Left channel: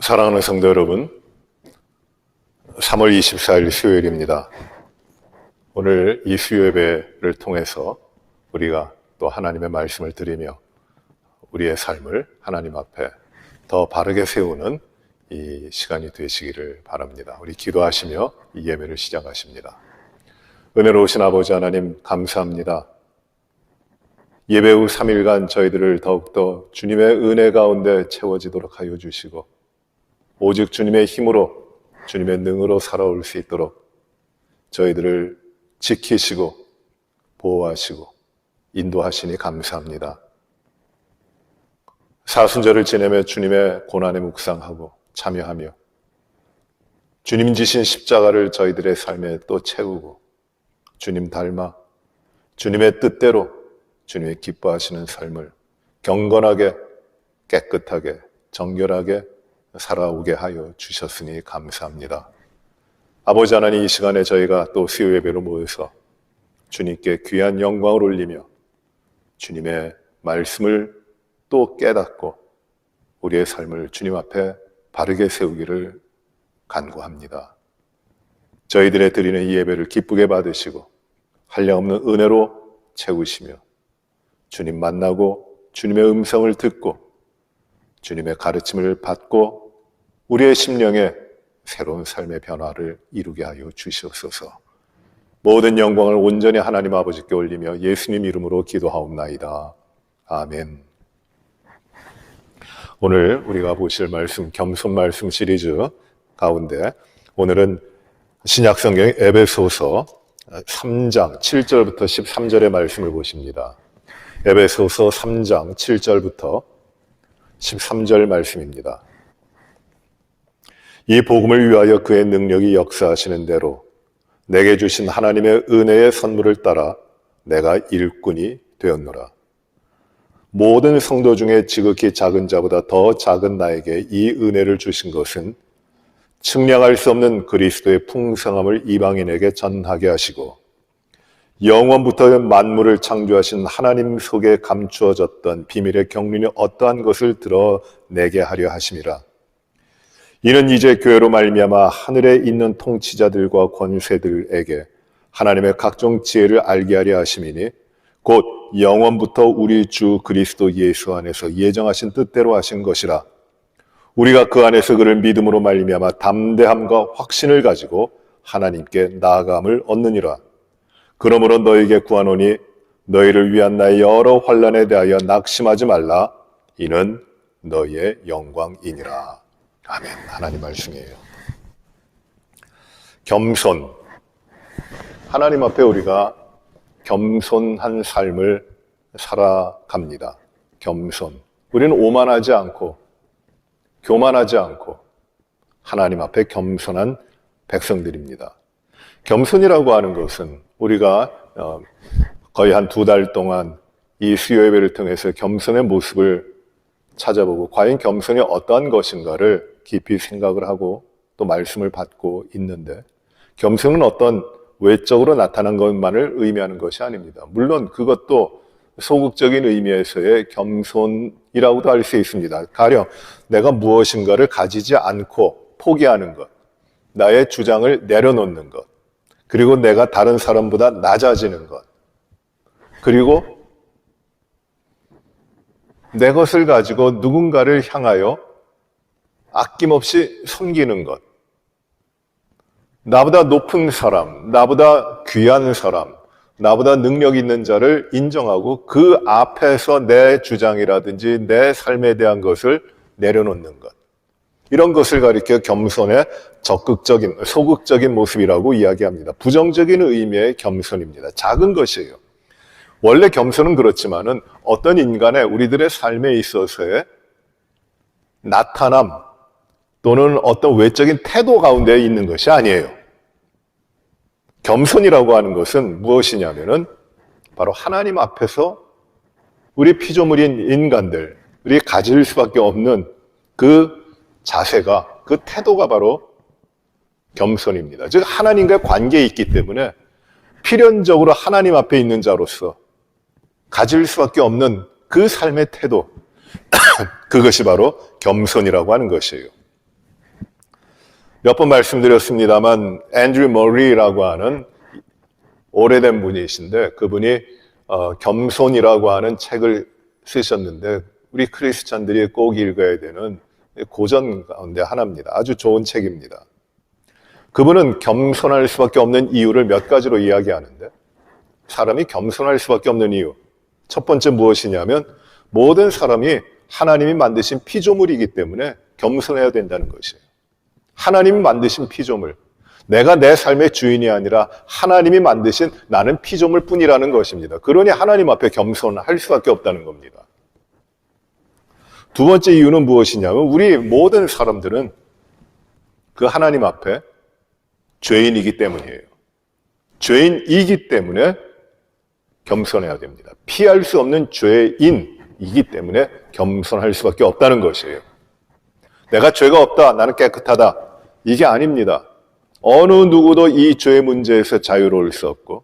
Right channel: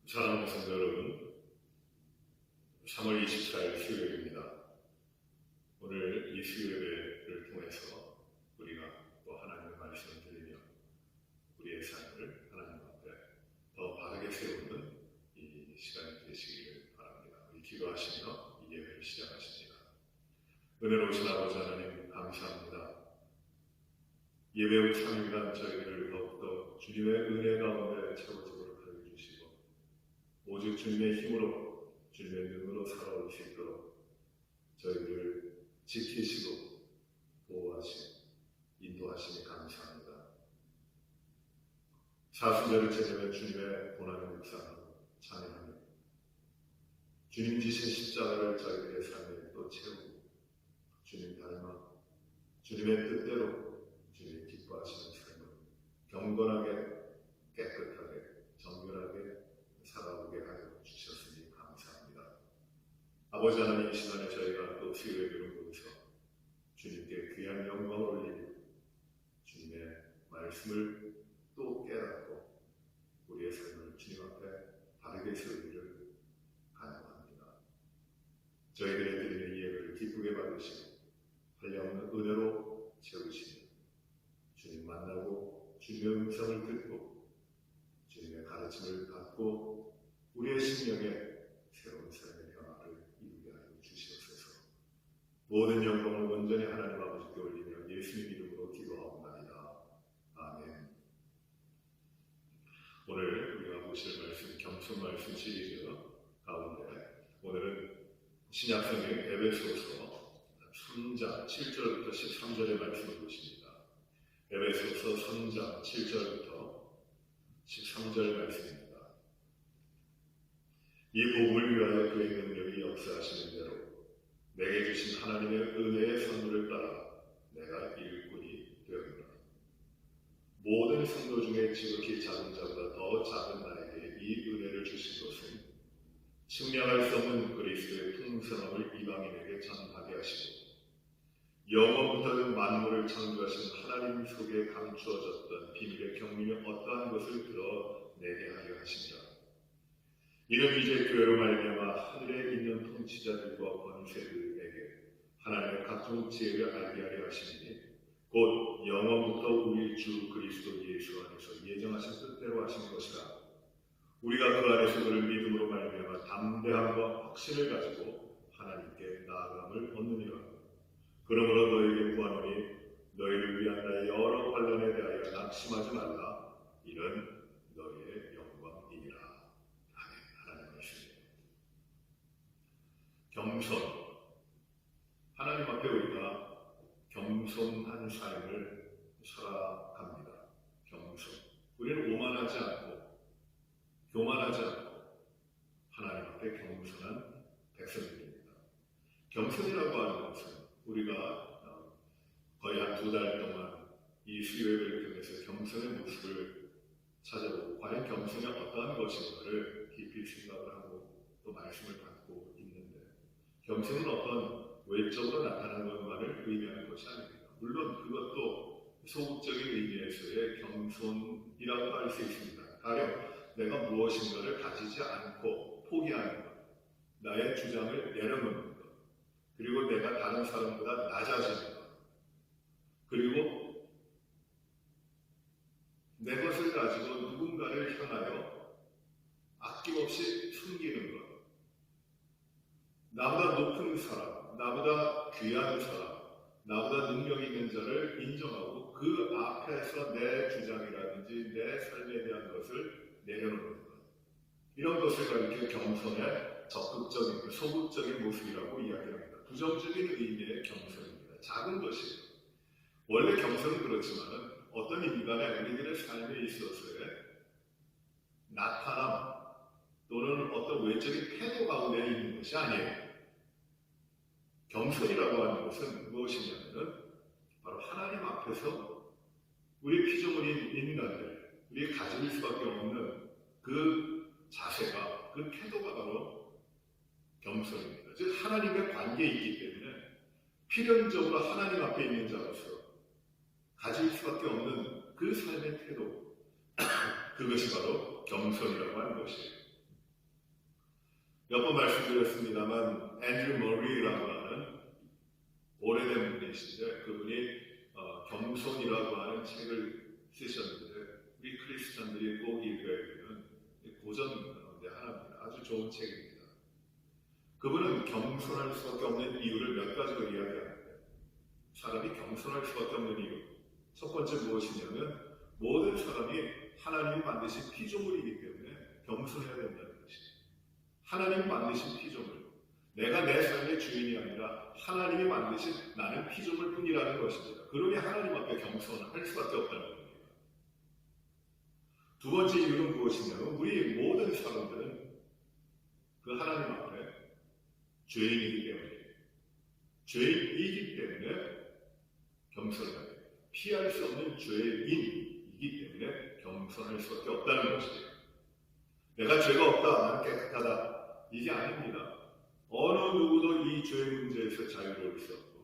사랑하는 성도 여러분, 3월 24일 수요일입니다. 오늘 이 수요예배를 통해서 우리가 또 하나님의 말씀을 드리며 우리의 삶을 하나님 앞에 더 바르게 세우는 이 시간이 되시기를 바랍니다. 우리 기도하시며 이 예배를 시작하십니다. 은혜로우신 아버지 하나님 감사합니다. 예배 후 3일간 저희들을 더욱더 주님의 은혜 가운데 채워지도록 하여 주시고 오직 주님의 힘으로 주님의 능으로 살아올 수 있도록 저희들을 지키시고 보호하시고 인도하시니 감사합니다. 사순절을 지내며 주님의 고난에 묵상하고 참여하며 주님 지신 십자가를 저희들의 삶에 또 채우고 주님 닮아 주님의 뜻대로 주님의 기뻐하시는 삶을 경건하게 깨끗하게 정결하게 살아오게 하여 주셨으니 감사합니다. 아버지 하나님, 이 시간에 저희가 또 수요 예배로 모여서 주님께 귀한 영광을 올리며 주님의 말씀을 또 깨닫고 우리의 삶을 주님 앞에 바르게 세우기를 간구합니다. 저희들의 드리는 이 예배를 기쁘게 받으시고 한량없는 은혜로 채우시며 주님 만나고 주님의 음성을 듣고 주님의 가르침을 받고 우리의 심령에 새로운 삶의 변화를 이루게 하여 주시옵소서. 모든 영광을 온전히 하나님 아버지께 올리며 예수님 이름으로 기도하옵나이다. 아멘. 오늘 우리가 보실 말씀, 겸손 말씀 시리즈 가운데 오늘은 신약성경 에베소서 3장 7절부터 13절의 말씀을 보십니다. 에베소서 3장 7절부터 13절 말씀입니다. 이 복음을 위하여 그의 능력이 역사하시는 대로 내게 주신 하나님의 은혜의 선물을 따라 내가 일꾼이 되었노라. 모든 성도 중에 지극히 작은 자보다 더 작은 나에게 이 은혜를 주신 것은 측량할 수 없는 그리스도의 풍성함을 이방인에게 전하게 하시고 영원부터 만물을 창조하신 하나님 속에 감추어졌던 비밀의 경륜이 어떠한 것을 드러내게 하려 하심이라. 이는 이제 교회로 말미암아 하늘에 있는 통치자들과 권세들에게 하나님의 각종 지혜를 알게 하려 하심이니 곧 영원부터 우리 주 그리스도 예수 안에서 예정하신 뜻대로 하신 것이라. 우리가 그 안에서 그를 믿음으로 말미암아 담대함과 확신을 가지고 하나님께 나아감을 얻느니라. 그러므로 너에게 구하노니 너희를 위한 나의 여러 환난에 대하여 낙심하지 말라. 이는 너희의 영광이니라. 아멘. 하나님 말씀이에요. 겸손. 하나님 앞에 우리가 겸손한 삶을 살아갑니다. 겸손. 우리는 오만하지 않고 교만하지 않고 하나님 앞에 겸손한 백성들입니다. 겸손이라고 하는 것은 우리가 거의 한 2달 동안 이 수요 예배를 통해서 겸손의 모습을 찾아보고 과연 겸손이 어떠한 것인가를 깊이 생각을 하고 또 말씀을 받고 있는데 겸손은 어떤 외적으로 나타난 것만을 의미하는 것이 아닙니다. 물론 그것도 소극적인 의미에서의 겸손이라고도 할 수 있습니다. 가령 내가 무엇인가를 가지지 않고 포기하는 것, 나의 주장을 내려놓는 것, 그리고 내가 다른 사람보다 낮아지는 것, 그리고 내 것을 가지고 누군가를 향하여 아낌없이 섬기는 것, 나보다 높은 사람, 나보다 귀한 사람, 나보다 능력 있는 자를 인정하고 그 앞에서 내 주장이라든지 내 삶에 대한 것을 내려놓는 것, 이런 것을 가리켜 겸손의 적극적인, 소극적인 모습이라고 이야기합니다. 부정적인 의미의 겸손입니다. 작은 것이에요. 원래 겸손은 그렇지만은 어떤 인간의 우리들의 삶에 있어서의 나타남 또는 어떤 외적인 태도 가운데 있는 것이 아니에요. 겸손이라고 하는 것은 무엇이냐면은 바로 하나님 앞에서 우리 피조물인 인간들이 가질 수밖에 없는 그 자세가, 그 태도가 바로 겸손입니다. 즉 하나님과의 관계에 있기 때문에 필연적으로 하나님 앞에 있는 자로서 가질 수밖에 없는 그 삶의 태도, 그것이 바로 겸손이라고 하는 것이에요. 몇 번 말씀드렸습니다만 앤드류 머리라고 하는 오래된 분이신데 그분이 겸손이라고 하는 책을 쓰셨는데 우리 크리스찬들이 꼭 읽어야 되는 고전 가운데 하나입니다. 아주 좋은 책입니다. 그분은 겸손할 수밖에 없는 이유를 몇 가지로 이야기하는데 사람이 겸손할 수밖에 없는 이유 첫 번째 무엇이냐면 모든 사람이 하나님이 만드신 피조물이기 때문에 겸손해야 된다는 것이에요. 하나님이 만드신 피조물, 내가 내 삶의 주인이 아니라 하나님이 만드신 나는 피조물 뿐이라는 것입니다. 그러니 하나님 앞에 겸손할 수밖에 없다는 겁니다. 두 번째 이유는 무엇이냐면 우리 모든 사람들은 그 하나님 앞에 죄인이기 때문이에요. 죄인이기 때문에 겸손해야 됩니다. 피할 수 없는 죄인이기 때문에 겸손할 수밖에 없다는 것이에요. 내가 죄가 없다, 나는 깨끗하다. 이게 아닙니다. 어느 누구도 이 죄 문제에서 자유로울 수 없고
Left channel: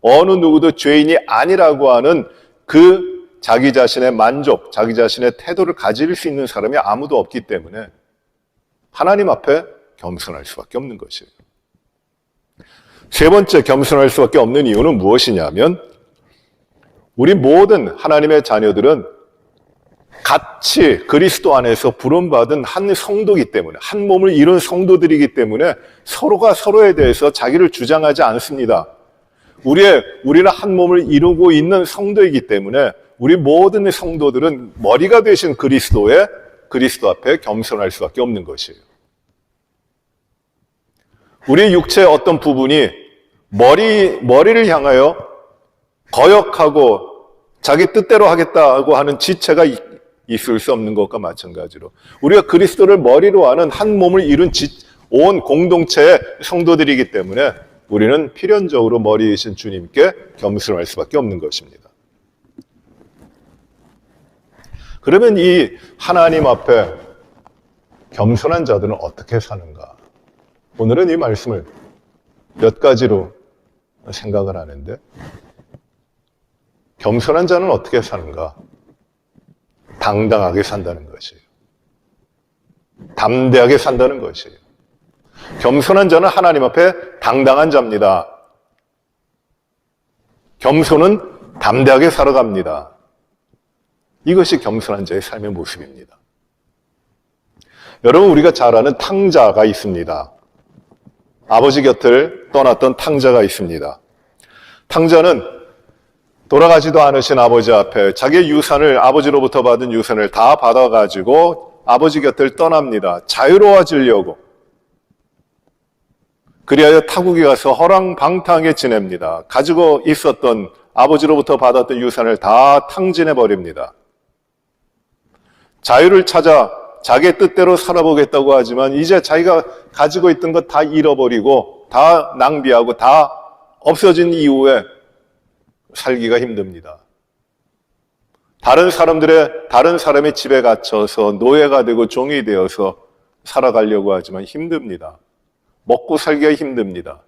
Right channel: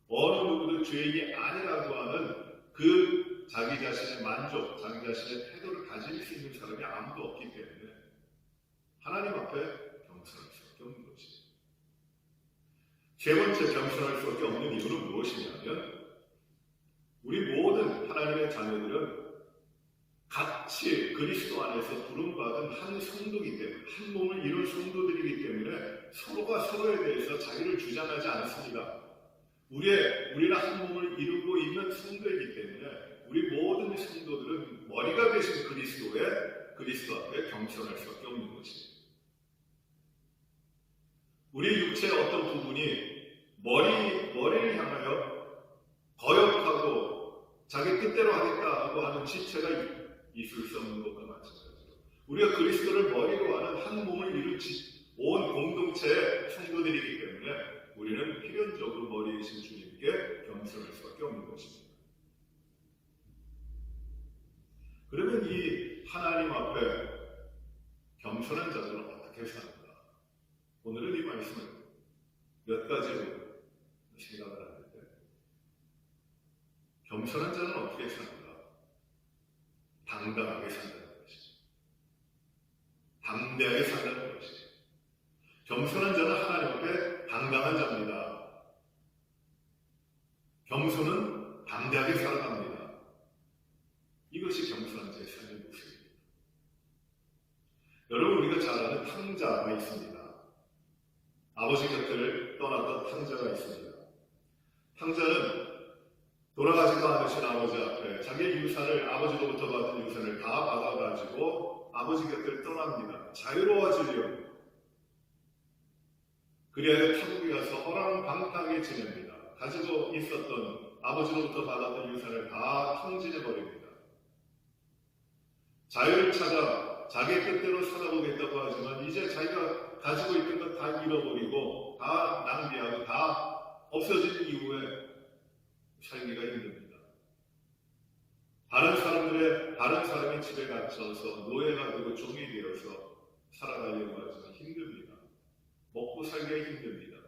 어느 누구도 죄인이 아니라고 하는 그 자기 자신의 만족, 자기 자신의 태도를 가질 수 있는 사람이 아무도 없기 때문에 하나님 앞에 겸손할 수밖에 없는 것이에요. 세 번째 겸손할 수밖에 없는 이유는 무엇이냐면 우리 모든 하나님의 자녀들은 같이 그리스도 안에서 부름받은 한 성도이기 때문에 한 몸을 이룬 성도들이기 때문에 서로가 서로에 대해서 자기를 주장하지 않습니다. 우리는 한 몸을 이루고 있는 성도이기 때문에 우리 모든 성도들은 머리가 되신 그리스도 앞에 겸손할 수밖에 없는 것이에요. 우리 육체의 어떤 부분이 머리를 향하여 거역하고 자기 뜻대로 하겠다고 하는 지체가 있을 수 없는 것과 마찬가지로 우리가 그리스도를 머리로 하는 한 몸을 이룬 온 공동체의 성도들이기 때문에 우리는 필연적으로 머리이신 주님께 겸손할 수밖에 없는 것입니다. 그러면 이 하나님 앞에 겸손한 자들은 어떻게 사는가? 오늘은 이 말씀을 몇 가지로 생각을 하는데 겸손한 자는 어떻게 사는가? 당당하게 산다는 것이에요. 담대하게 산다는 것이에요. 겸손한 자는 하나님 앞에 당당한 자입니다. 겸손은 담대하게 살아갑니다. 이것이 겸손한 자의 삶의 모습입니다. 여러분, 우리가 잘 아는 탕자가 있습니다. 아버지 곁을 떠났던 탕자가 있습니다. 탕자는 돌아가지도 않으신 아버지 앞에 자기의 유산을, 아버지로부터 받은 유산을 다 받아가지고 아버지 곁을 떠납니다. 자유로워지려고. 그리하여 타국에 가서 허랑방탕하게 지냅니다. 가지고 있었던 아버지로부터 받았던 유산을 다 탕진해버립니다. 자유를 찾아 자기의 뜻대로 살아보겠다고 하지만 이제 자기가 가지고 있던 것 다 잃어버리고 다 낭비하고 다 없어진 이후에 살기가 힘듭니다. 다른 사람의 집에 갇혀서 노예가 되고 종이 되어서 살아가려고 하지만 힘듭니다. 먹고 살기가 힘듭니다.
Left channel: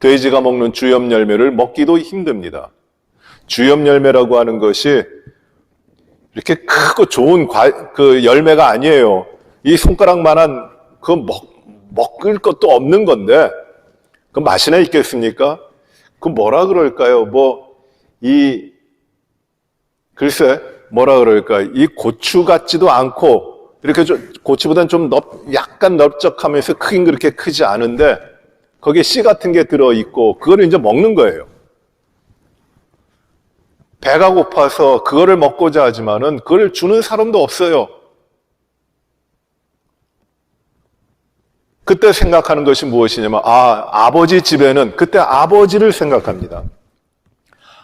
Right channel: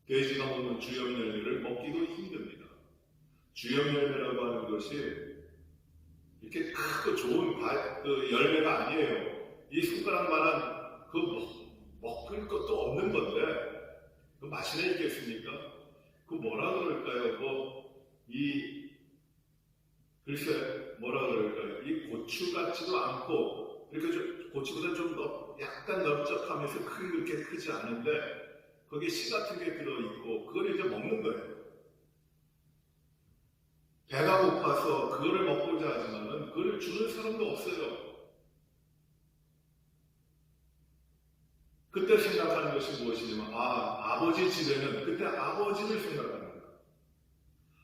돼지가 먹는 주엽 열매를 먹기도 힘듭니다. 주엽 열매라고 하는 것이 이렇게 크고 좋은 그 열매가 아니에요. 이 손가락만한 그 먹을 것도 없는 건데 그 맛이나 있겠습니까? 그 뭐라 그럴까요? 글쎄 뭐라 그럴까? 이 고추 같지도 않고 이렇게 고추보다는 좀 약간 넓적하면서 크긴 그렇게 크지 않은데 거기에 씨 같은 게 들어있고 그거를 이제 먹는 거예요. 배가 고파서 그거를 먹고자 하지만은 그걸 주는 사람도 없어요. 그때 생각하는 것이 무엇이냐면 아버지 집에는 그때 아버지를 생각합니다.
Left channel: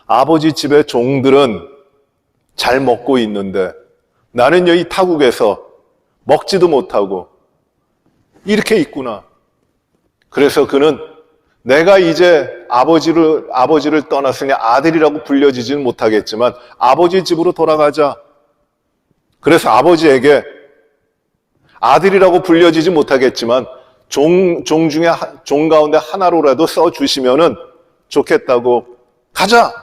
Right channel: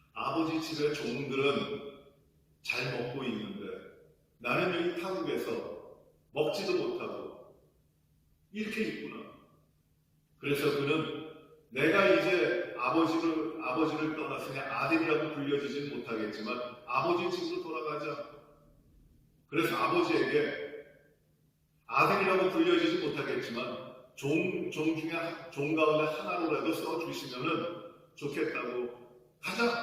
아버지 집의 종들은 잘 먹고 있는데 나는 여기 타국에서 먹지도 못하고 이렇게 있구나. 그래서 그는 내가 이제 아버지를 떠났으니 아들이라고 불려지지는 못하겠지만 아버지 집으로 돌아가자. 그래서 아버지에게 아들이라고 불려지지 못하겠지만 종 가운데 하나로라도 써주시면은 좋겠다고 가자.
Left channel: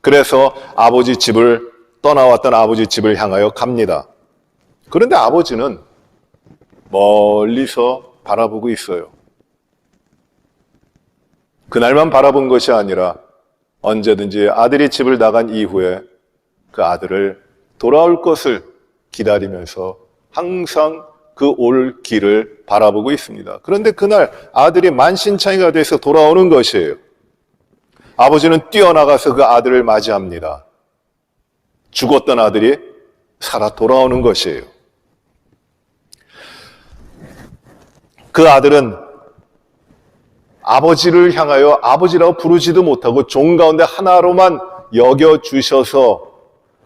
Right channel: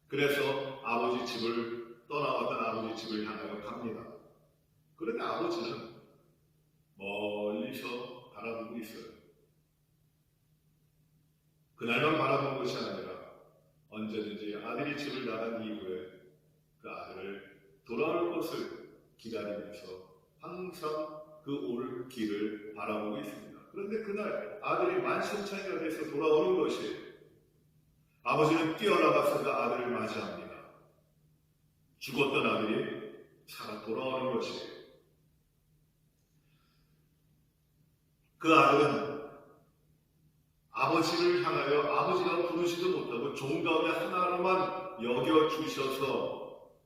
그래서 아버지 집을 떠나왔던 아버지 집을 향하여 갑니다. 그런데 아버지는 멀리서 바라보고 있어요. 그날만 바라본 것이 아니라 언제든지 아들이 집을 나간 이후에 그 아들을 돌아올 것을 기다리면서 항상 그 올 길을 바라보고 있습니다. 그런데 그날 아들이 만신창이가 돼서 돌아오는 것이에요. 아버지는 뛰어나가서 그 아들을 맞이합니다. 죽었던 아들이 살아 돌아오는 것이에요. 그 아들은 아버지를 향하여 아버지라고 부르지도 못하고 종 가운데 하나로만 여겨주셔서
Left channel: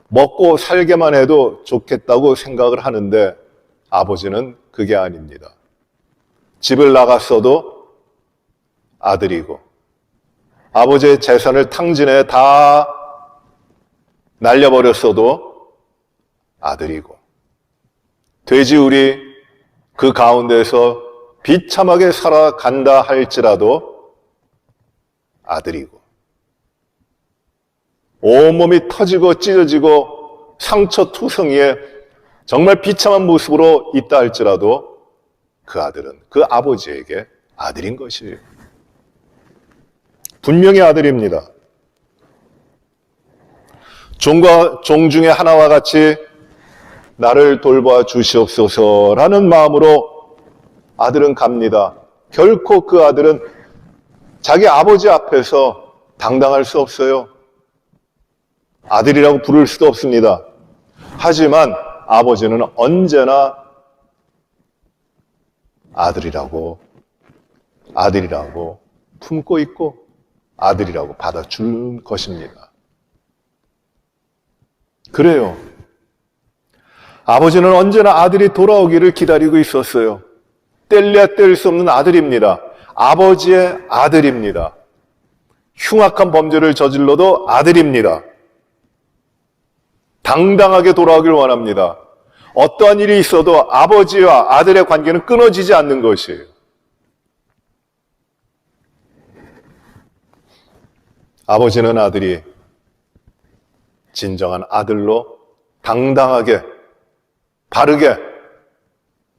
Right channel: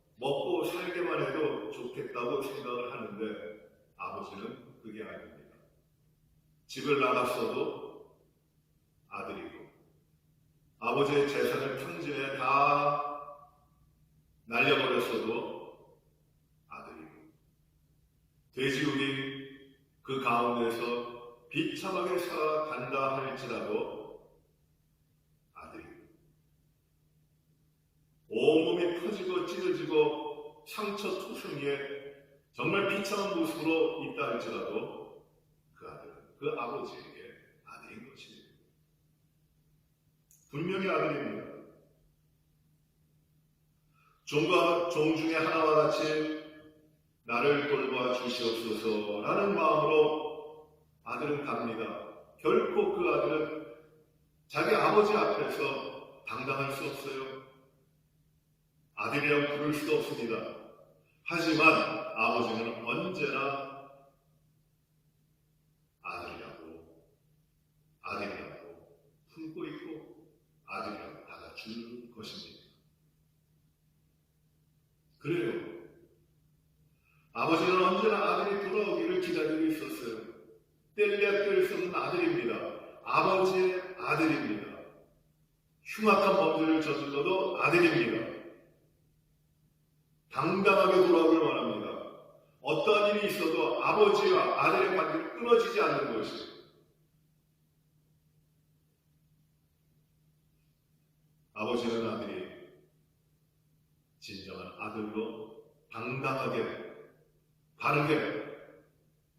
먹고 살게만 해도 좋겠다고 생각을 하는데 아버지는 그게 아닙니다. 집을 나갔어도 아들이고 아버지의 재산을 탕진해 다 날려버렸어도 아들이고 돼지우리 그 가운데서 비참하게 살아간다 할지라도 아들이고 온몸이 터지고 찢어지고 상처투성이에 정말 비참한 모습으로 있다 할지라도 그 아들은 그 아버지에게 아들인 것이에요. 분명히 아들입니다. 종 중에 하나와 같이 나를 돌봐 주시옵소서라는 마음으로 아들은 갑니다. 결코 그 아들은 자기 아버지 앞에서 당당할 수 없어요. 아들이라고 부를 수도 없습니다. 하지만 아버지는 언제나 아들이라고 품고 있고 아들이라고 받아주는 것입니다. 그래요. 아버지는 언제나 아들이 돌아오기를 기다리고 있었어요. 뗄래야 뗄 수 없는 아들입니다. 아버지의 아들입니다. 흉악한 범죄를 저질러도 아들입니다. 당당하게 돌아오길 원합니다. 어떠한 일이 있어도 아버지와 아들의 관계는 끊어지지 않는 것이에요. 아버지는 아들이 진정한 아들로 당당하게 바르게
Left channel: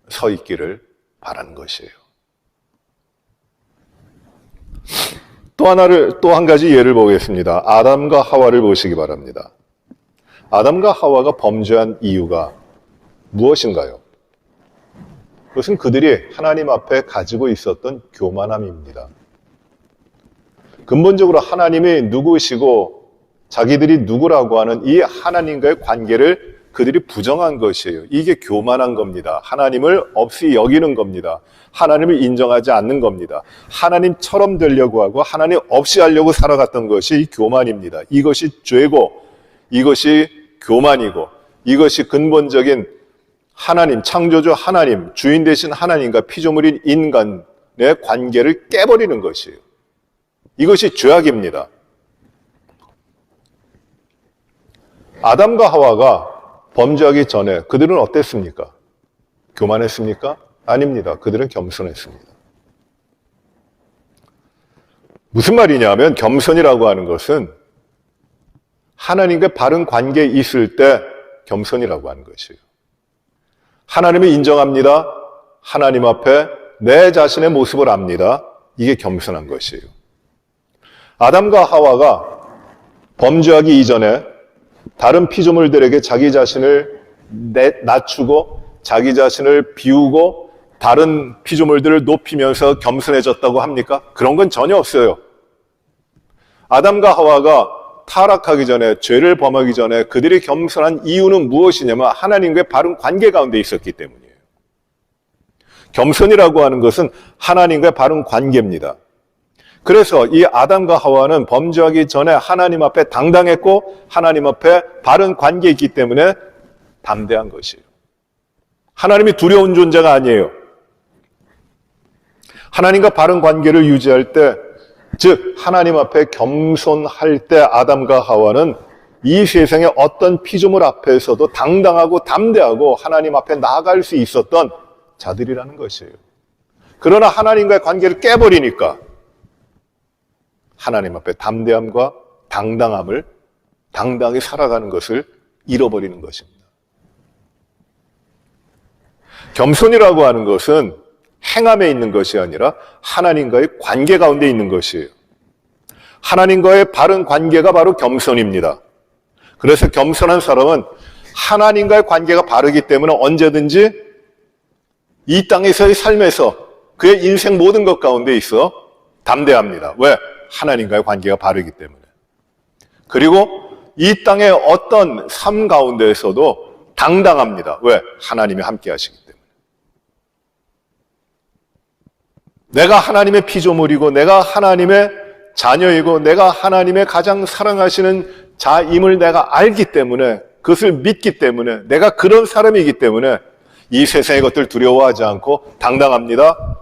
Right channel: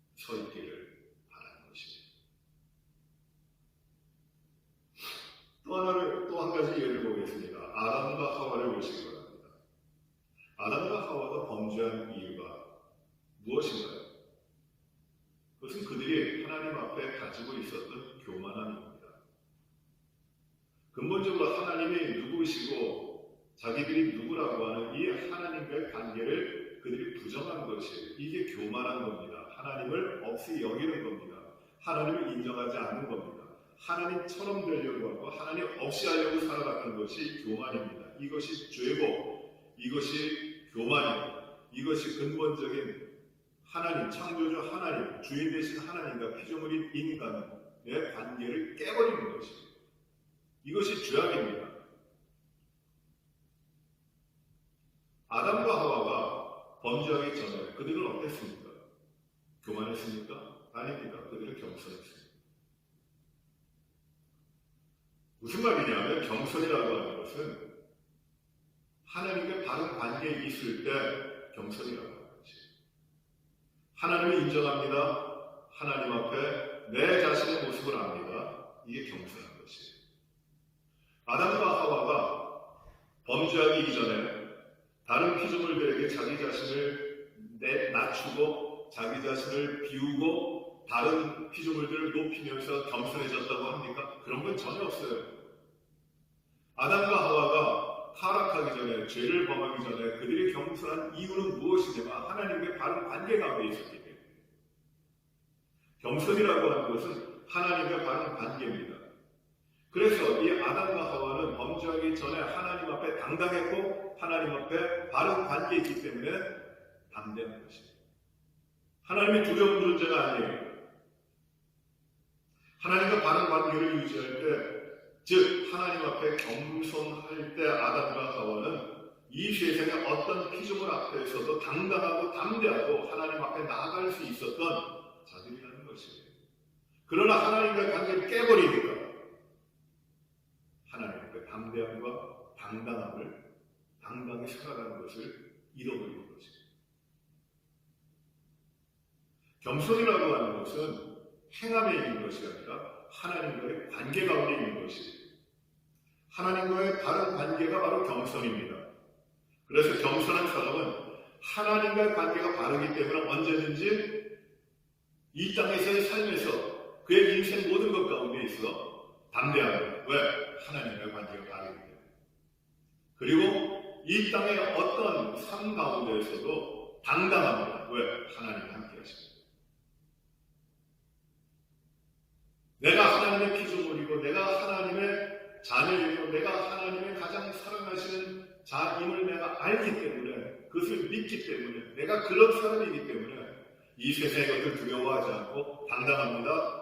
서 있기를 바라는 것이에요. 또 한 가지 예를 보겠습니다. 아담과 하와를 보시기 바랍니다. 아담과 하와가 범죄한 이유가 무엇인가요? 그것은 그들이 하나님 앞에 가지고 있었던 교만함입니다. 근본적으로 하나님이 누구시고 자기들이 누구라고 하는 이 하나님과의 관계를 그들이 부정한 것이에요. 이게 교만한 겁니다. 하나님을 없이 여기는 겁니다. 하나님을 인정하지 않는 겁니다. 하나님처럼 되려고 하고 하나님 없이 하려고 살아갔던 것이 교만입니다. 이것이 죄고 이것이 교만이고 이것이 근본적인 하나님, 창조주 하나님, 주인 되신 하나님과 피조물인 인간의 관계를 깨버리는 것이에요. 이것이 죄악입니다. 아담과 하와가 범죄하기 전에 그들은 어땠습니까? 교만했습니까? 아닙니다. 그들은 겸손했습니다. 무슨 말이냐면 겸손이라고 하는 것은 하나님과 바른 관계에 있을 때 겸손이라고 하는 것이에요. 하나님을 인정합니다. 하나님 앞에 내 자신의 모습을 압니다. 이게 겸손한 것이에요. 아담과 하와가 범죄하기 이전에 다른 피조물들에게 자기 자신을 낮추고 자기 자신을 비우고 다른 피조물들을 높이면서 겸손해졌다고 합니까? 그런 건 전혀 없어요. 아담과 하와가 타락하기 전에, 죄를 범하기 전에 그들이 겸손한 이유는 무엇이냐면 하나님과의 바른 관계 가운데 있었기 때문이에요. 겸손이라고 하는 것은 하나님과의 바른 관계입니다. 그래서 이 아담과 하와는 범죄하기 전에 하나님 앞에 당당했고 하나님 앞에 바른 관계에 있기 때문에 담대한 것이에요. 하나님이 두려운 존재가 아니에요. 하나님과 바른 관계를 유지할 때, 즉 하나님 앞에 겸손할 때 아담과 하와는 이 세상의 어떤 피조물 앞에서도 당당하고 담대하고 하나님 앞에 나아갈 수 있었던 자들이라는 것이에요. 그러나 하나님과의 관계를 깨버리니까 하나님 앞에 담대함과 당당함을 당당히 살아가는 것을 잃어버리는 것입니다. 겸손이라고 하는 것은 행함에 있는 것이 아니라 하나님과의 관계 가운데 있는 것이에요. 하나님과의 바른 관계가 바로 겸손입니다. 그래서 겸손한 사람은 하나님과의 관계가 바르기 때문에 언제든지 이 땅에서의 삶에서 그의 인생 모든 것 가운데 있어 담대합니다. 왜? 하나님과의 관계가 바르기 때문에. 그리고 이 땅의 어떤 삶 가운데에서도 당당합니다. 왜? 하나님이 함께 하시기 때문에. 내가 하나님의 피조물이고 내가 하나님의 자녀이고 내가 하나님의 가장 사랑하시는 자임을 내가 알기 때문에, 그것을 믿기 때문에, 내가 그런 사람이기 때문에 이 세상의 것들 두려워하지 않고 당당합니다.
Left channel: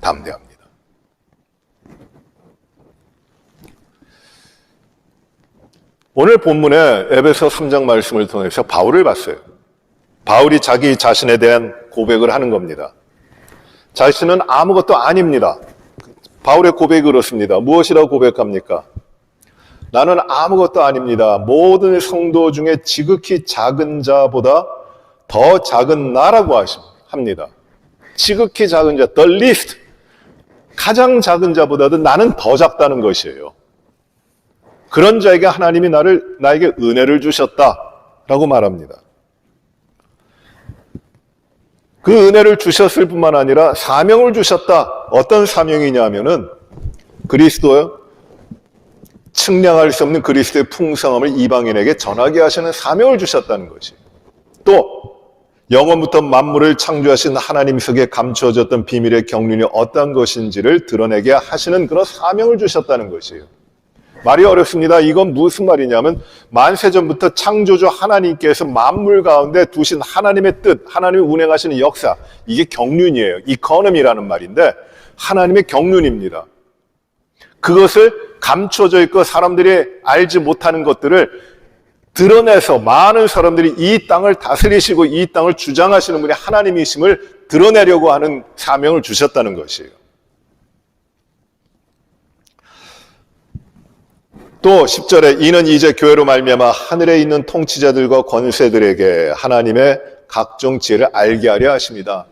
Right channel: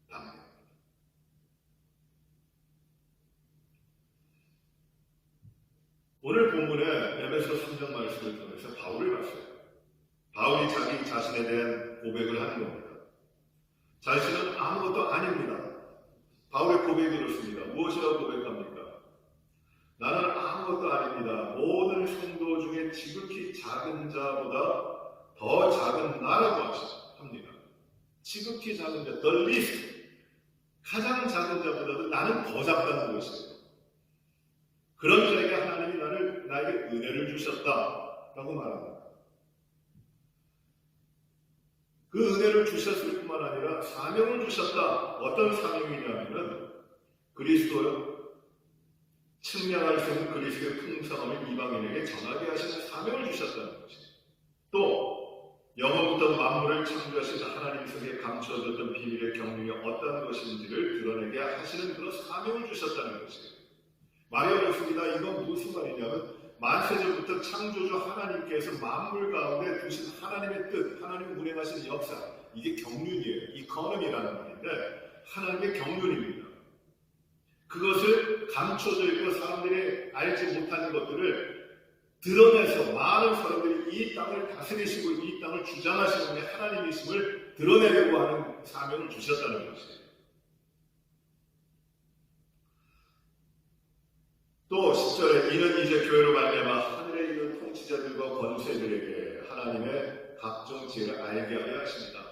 담대합니다. 오늘 본문에 에베소 3장 말씀을 통해서 바울을 봤어요. 바울이 자기 자신에 대한 고백을 하는 겁니다. 자신은 아무것도 아닙니다. 바울의 고백이 그렇습니다. 무엇이라고 고백합니까? 나는 아무것도 아닙니다. 모든 성도 중에 지극히 작은 자보다 더 작은 나라고 합니다. 지극히 작은 자, the least, 가장 작은 자보다도 나는 더 작다는 것이에요. 그런 자에게 하나님이 나에게 은혜를 주셨다라고 말합니다. 그 은혜를 주셨을 뿐만 아니라 사명을 주셨다. 어떤 사명이냐 하면은 그리스도의 측량할 수 없는 그리스도의 풍성함을 이방인에게 전하게 하시는 사명을 주셨다는 것이. 또 영원부터 만물을 창조하신 하나님 속에 감추어졌던 비밀의 경륜이 어떠한 것인지를 드러내게 하시는 그런 사명을 주셨다는 것이에요. 말이 어렵습니다. 이건 무슨 말이냐면 만세전부터 창조주 하나님께서 만물 가운데 두신 하나님의 뜻, 하나님이 운행하시는 역사, 이게 경륜이에요. 이코노미라는 말인데 하나님의 경륜입니다. 그것을 감춰져 있고 사람들이 알지 못하는 것들을 드러내서 많은 사람들이 이 땅을 다스리시고 이 땅을 주장하시는 분이 하나님이심을 드러내려고 하는 사명을 주셨다는 것이에요. 또 10절에 이는 이제 교회로 말미암아 하늘에 있는 통치자들과 권세들에게 하나님의 각종 지혜를 알게 하려 하십니다.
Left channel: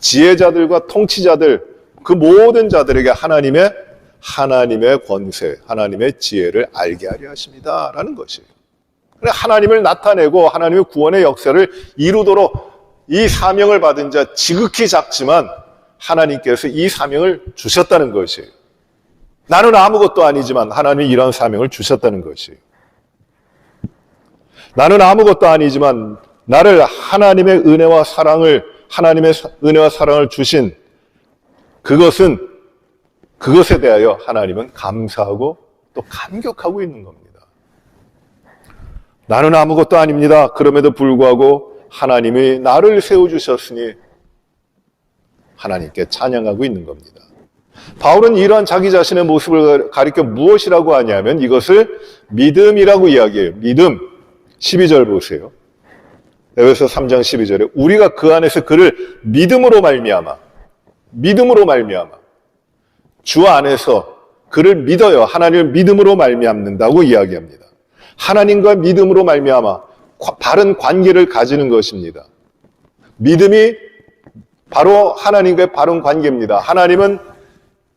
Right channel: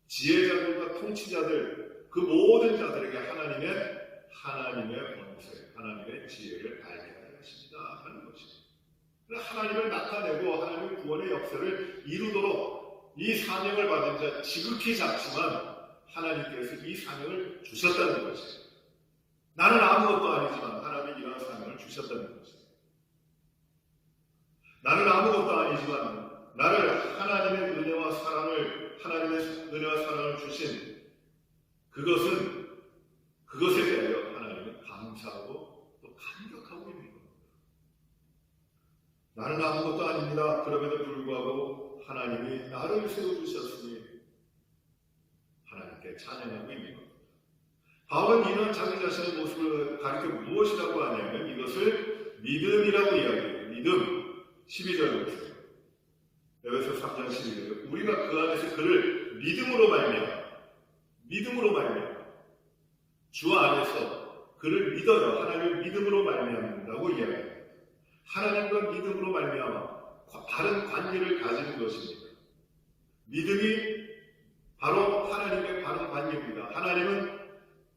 지혜자들과 통치자들, 그 모든 자들에게 하나님의 권세, 하나님의 지혜를 알게 하려 하십니다. 라는 것이에요. 하나님을 나타내고 하나님의 구원의 역사를 이루도록 이 사명을 받은 자, 지극히 작지만 하나님께서 이 사명을 주셨다는 것이에요. 나는 아무것도 아니지만 하나님이 이런 사명을 주셨다는 것이에요. 나는 아무것도 아니지만 나를 하나님의 은혜와 사랑을 주신 그것에 대하여 하나님은 감사하고 또 감격하고 있는 겁니다. 나는 아무것도 아닙니다. 그럼에도 불구하고 하나님이 나를 세워주셨으니 하나님께 찬양하고 있는 겁니다. 바울은 이러한 자기 자신의 모습을 가리켜 무엇이라고 하냐면 이것을 믿음이라고 이야기해요. 믿음. 12절 보세요. 에베소 3장 12절에 우리가 그 안에서 그를 믿음으로 말미암아 주 안에서 그를 믿어요. 하나님을 믿음으로 말미암는다고 이야기합니다. 하나님과 믿음으로 말미암아 바른 관계를 가지는 것입니다. 믿음이 바로 하나님과의 바른 관계입니다. 하나님은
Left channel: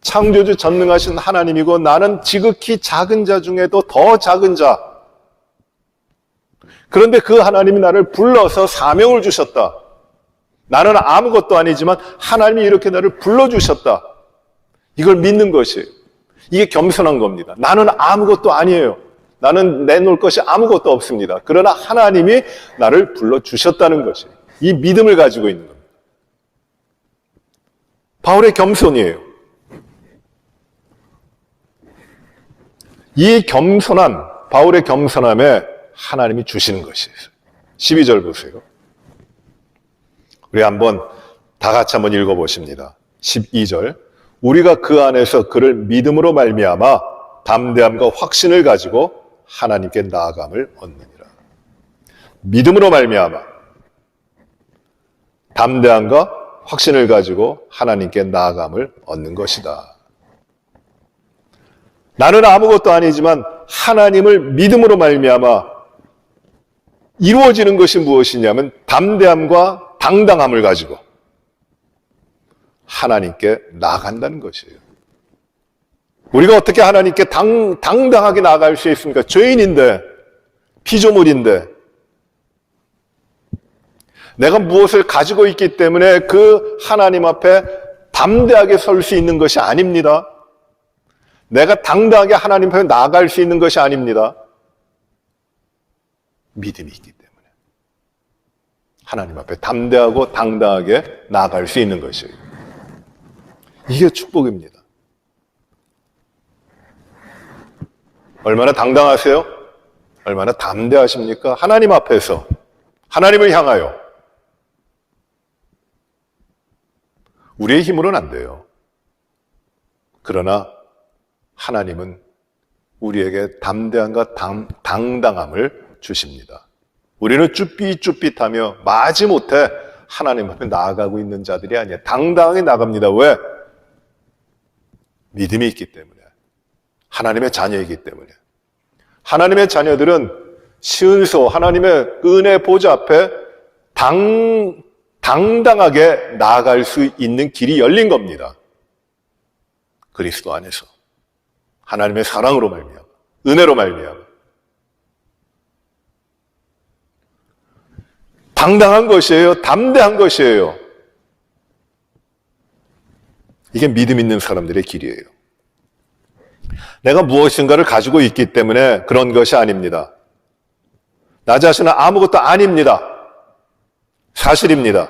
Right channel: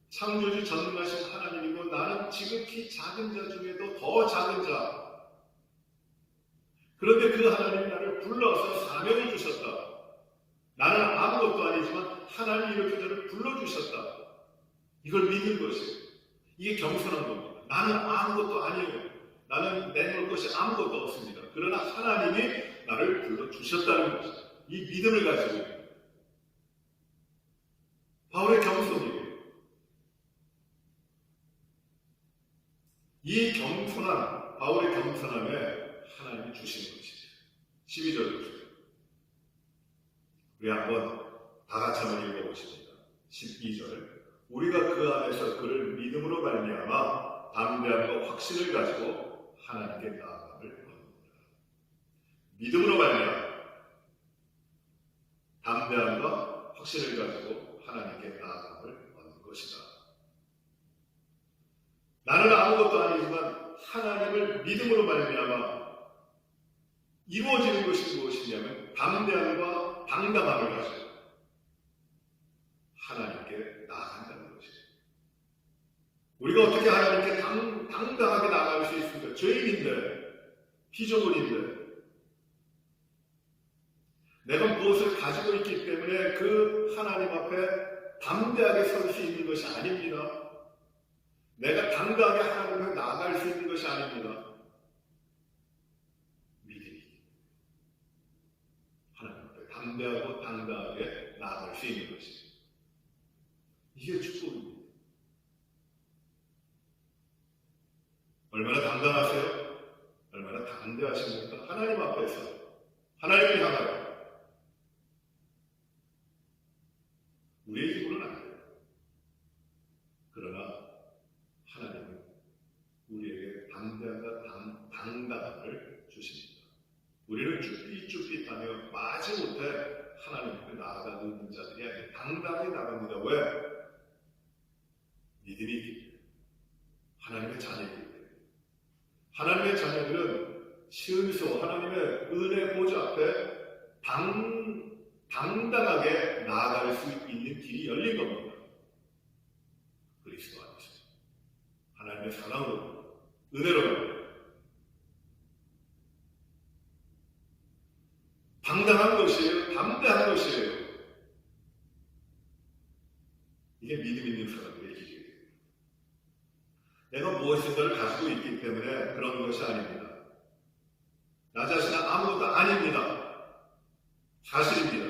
창조주 전능하신 하나님이고 나는 지극히 작은 자 중에도 더 작은 자. 그런데 그 하나님이 나를 불러서 사명을 주셨다. 나는 아무것도 아니지만 하나님이 이렇게 나를 불러주셨다. 이걸 믿는 것이, 이게 겸손한 겁니다. 나는 아무것도 아니에요. 나는 내놓을 것이 아무것도 없습니다. 그러나 하나님이 나를 불러주셨다는 것이, 이 믿음을 가지고 있는 겁니다. 바울의 겸손이에요. 이 겸손한, 바울의 겸손함에 하나님이 주시는 것이에요. 12절 보세요. 우리 다 같이 한번 읽어보십니다. 12절. 우리가 그 안에서 그를 믿음으로 말미암아 담대함과 확신을 가지고 하나님께 나아감을 얻느니라. 믿음으로 말미암아 담대함과 확신을 가지고 하나님께 나아감을 얻는 것이다. 나는 아무것도 아니지만 하나님을 믿음으로 말미암아 이루어지는 것이 무엇이냐면 담대함과 당당함을 가지고 하나님께 나아간다는 것이에요. 우리가 어떻게 하나님께 당당하게 나아갈 수 있습니까? 죄인인데, 피조물인데, 내가 무엇을 가지고 있기 때문에 그 하나님 앞에 담대하게 설 수 있는 것이 아닙니다. 내가 당당하게 하나님 앞에 나아갈 수 있는 것이 아닙니다. 믿음이 있기 때문에 하나님 앞에 담대하고 당당하게 나아갈 수 있는 것이에요. 이게 축복입니다. 얼마나 당당하세요? 얼마나 담대하십니까? 하나님 앞에서, 하나님을 향하여. 우리의 힘으로는 안 돼요. 그러나 하나님은 우리에게 담대함과 당당함을 주십니다. 우리는 쭈삣쭈삣하며 마지못해 하나님 앞에 나아가고 있는 자들이 아니에요. 당당하게 나갑니다. 왜? 믿음이 있기 때문에. 하나님의 자녀이기 때문에. 하나님의 자녀들은 시은소 하나님의 은혜 보좌 앞에 당당하게 나아갈 수 있는 길이 열린 겁니다. 그리스도 안에서. 하나님의 사랑으로 말미암아, 은혜로 말미암아. 당당한 것이에요. 담대한 것이에요. 이게 믿음 있는 사람들의 길이에요. 내가 무엇인가를 가지고 있기 때문에 그런 것이 아닙니다. 나 자신은 아무것도 아닙니다. 사실입니다.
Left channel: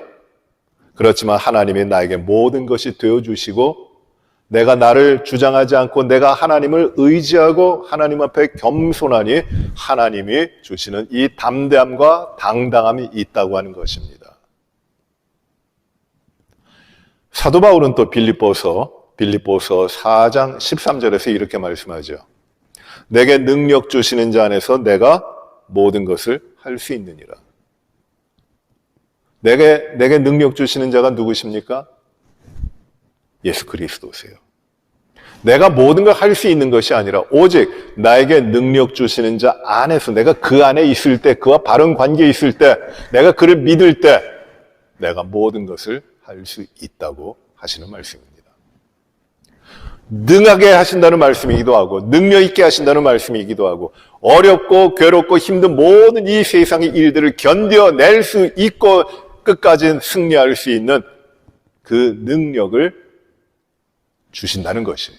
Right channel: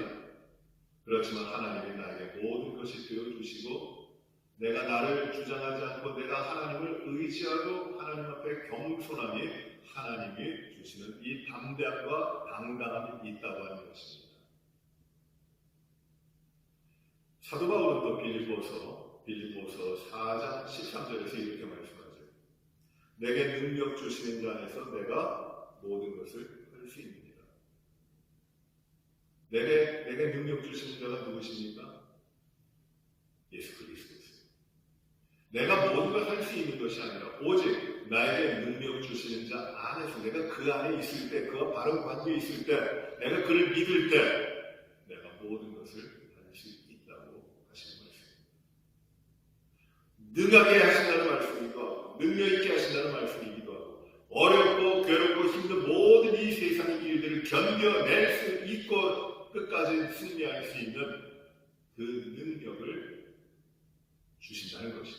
그렇지만 하나님이 나에게 모든 것이 되어주시고 내가 나를 주장하지 않고 내가 하나님을 의지하고 하나님 앞에 겸손하니 하나님이 주시는 이 담대함과 당당함이 있다고 하는 것입니다. 사도 바울은 또 빌립보서 4장 13절에서 이렇게 말씀하죠. 내게 능력 주시는 자 안에서 내가 모든 것을 할 수 있느니라. 내게 능력 주시는 자가 누구십니까? 예수 그리스도세요. 내가 모든 걸 할 수 있는 것이 아니라 오직 나에게 능력 주시는 자 안에서 내가 그 안에 있을 때, 그와 바른 관계에 있을 때, 내가 그를 믿을 때 내가 모든 것을 할 수 있다고 하시는 말씀입니다. 능하게 하신다는 말씀이기도 하고 능력 있게 하신다는 말씀이기도 하고 어렵고 괴롭고 힘든 모든 이 세상의 일들을 견뎌낼 수 있고 끝까지 승리할 수 있는 그 능력을 주신다는 것이에요.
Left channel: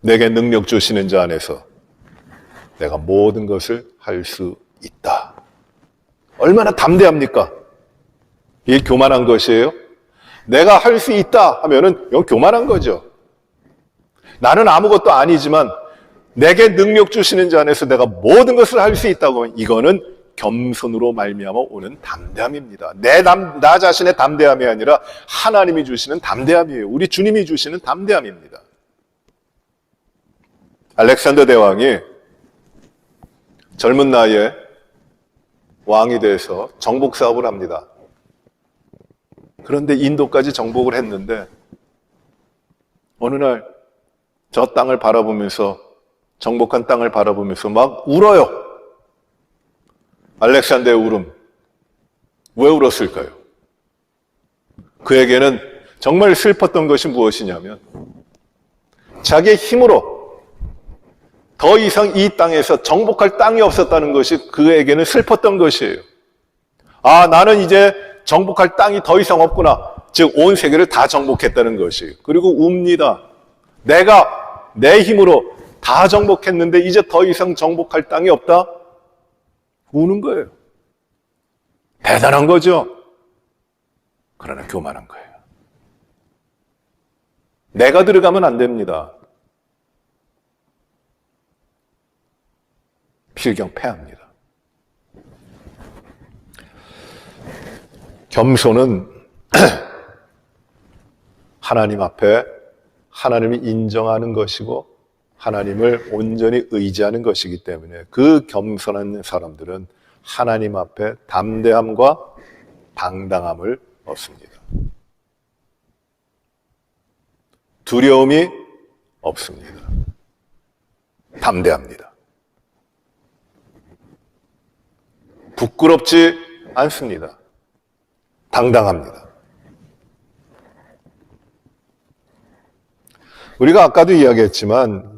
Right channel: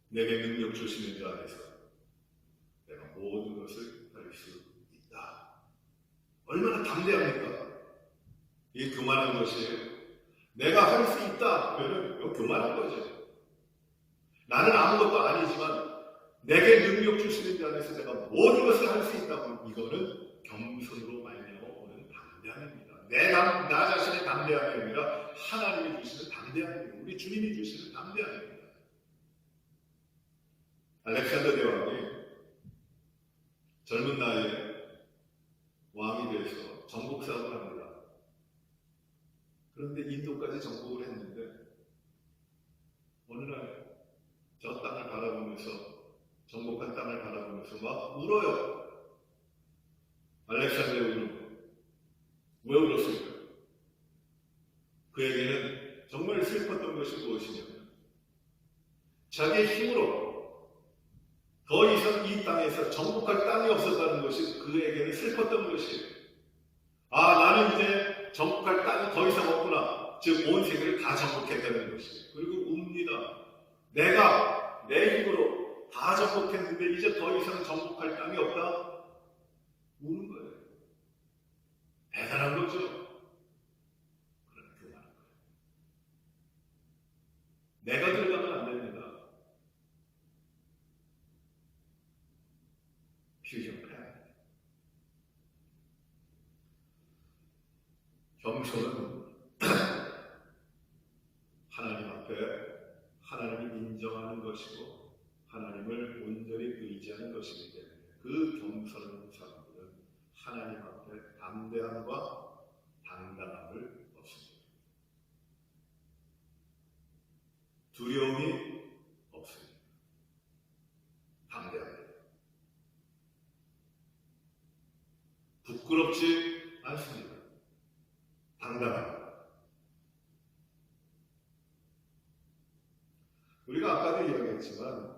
내게 능력 주시는 자 안에서 내가 모든 것을 할 수 있다. 얼마나 담대합니까? 이게 교만한 것이에요? 내가 할 수 있다 하면은 이건 교만한 거죠. 나는 아무것도 아니지만 내게 능력 주시는 자 안에서 내가 모든 것을 할 수 있다고 하면 이거는 겸손으로 말미암아 오는 담대함입니다. 나 자신의 담대함이 아니라 하나님이 주시는 담대함이에요. 우리 주님이 주시는 담대함입니다. 알렉산더 대왕이 젊은 나이에 왕이 돼서 정복 사업을 합니다. 그런데 인도까지 정복을 했는데 어느 날 저 땅을 바라보면서 정복한 땅을 바라보면서 막 울어요. 알렉산더의 울음. 왜 울었을까요? 그에게는 정말 슬펐던 것이 무엇이냐면 자기의 힘으로 더 이상 이 땅에서 정복할 땅이 없었다는 것이 그에게는 슬펐던 것이에요. 아, 나는 이제 정복할 땅이 더 이상 없구나. 즉 온 세계를 다 정복했다는 것이에요. 그리고 웁니다. 내가 내 힘으로 다 정복했는데 이제 더 이상 정복할 땅이 없다? 우는 거예요. 대단한 거죠. 그러나 교만한 거예요. 내가 들어가면 안 됩니다. 필경패합니다. 겸손은 하나님 앞에 하나님을 인정하는 것이고 하나님을 온전히 의지하는 것이기 때문에 그 겸손한 사람들은 하나님 앞에 담대함과 당당함을 얻습니다. 두려움이 없습니다. 담대합니다. 부끄럽지 않습니다. 당당합니다. 우리가 아까도 이야기했지만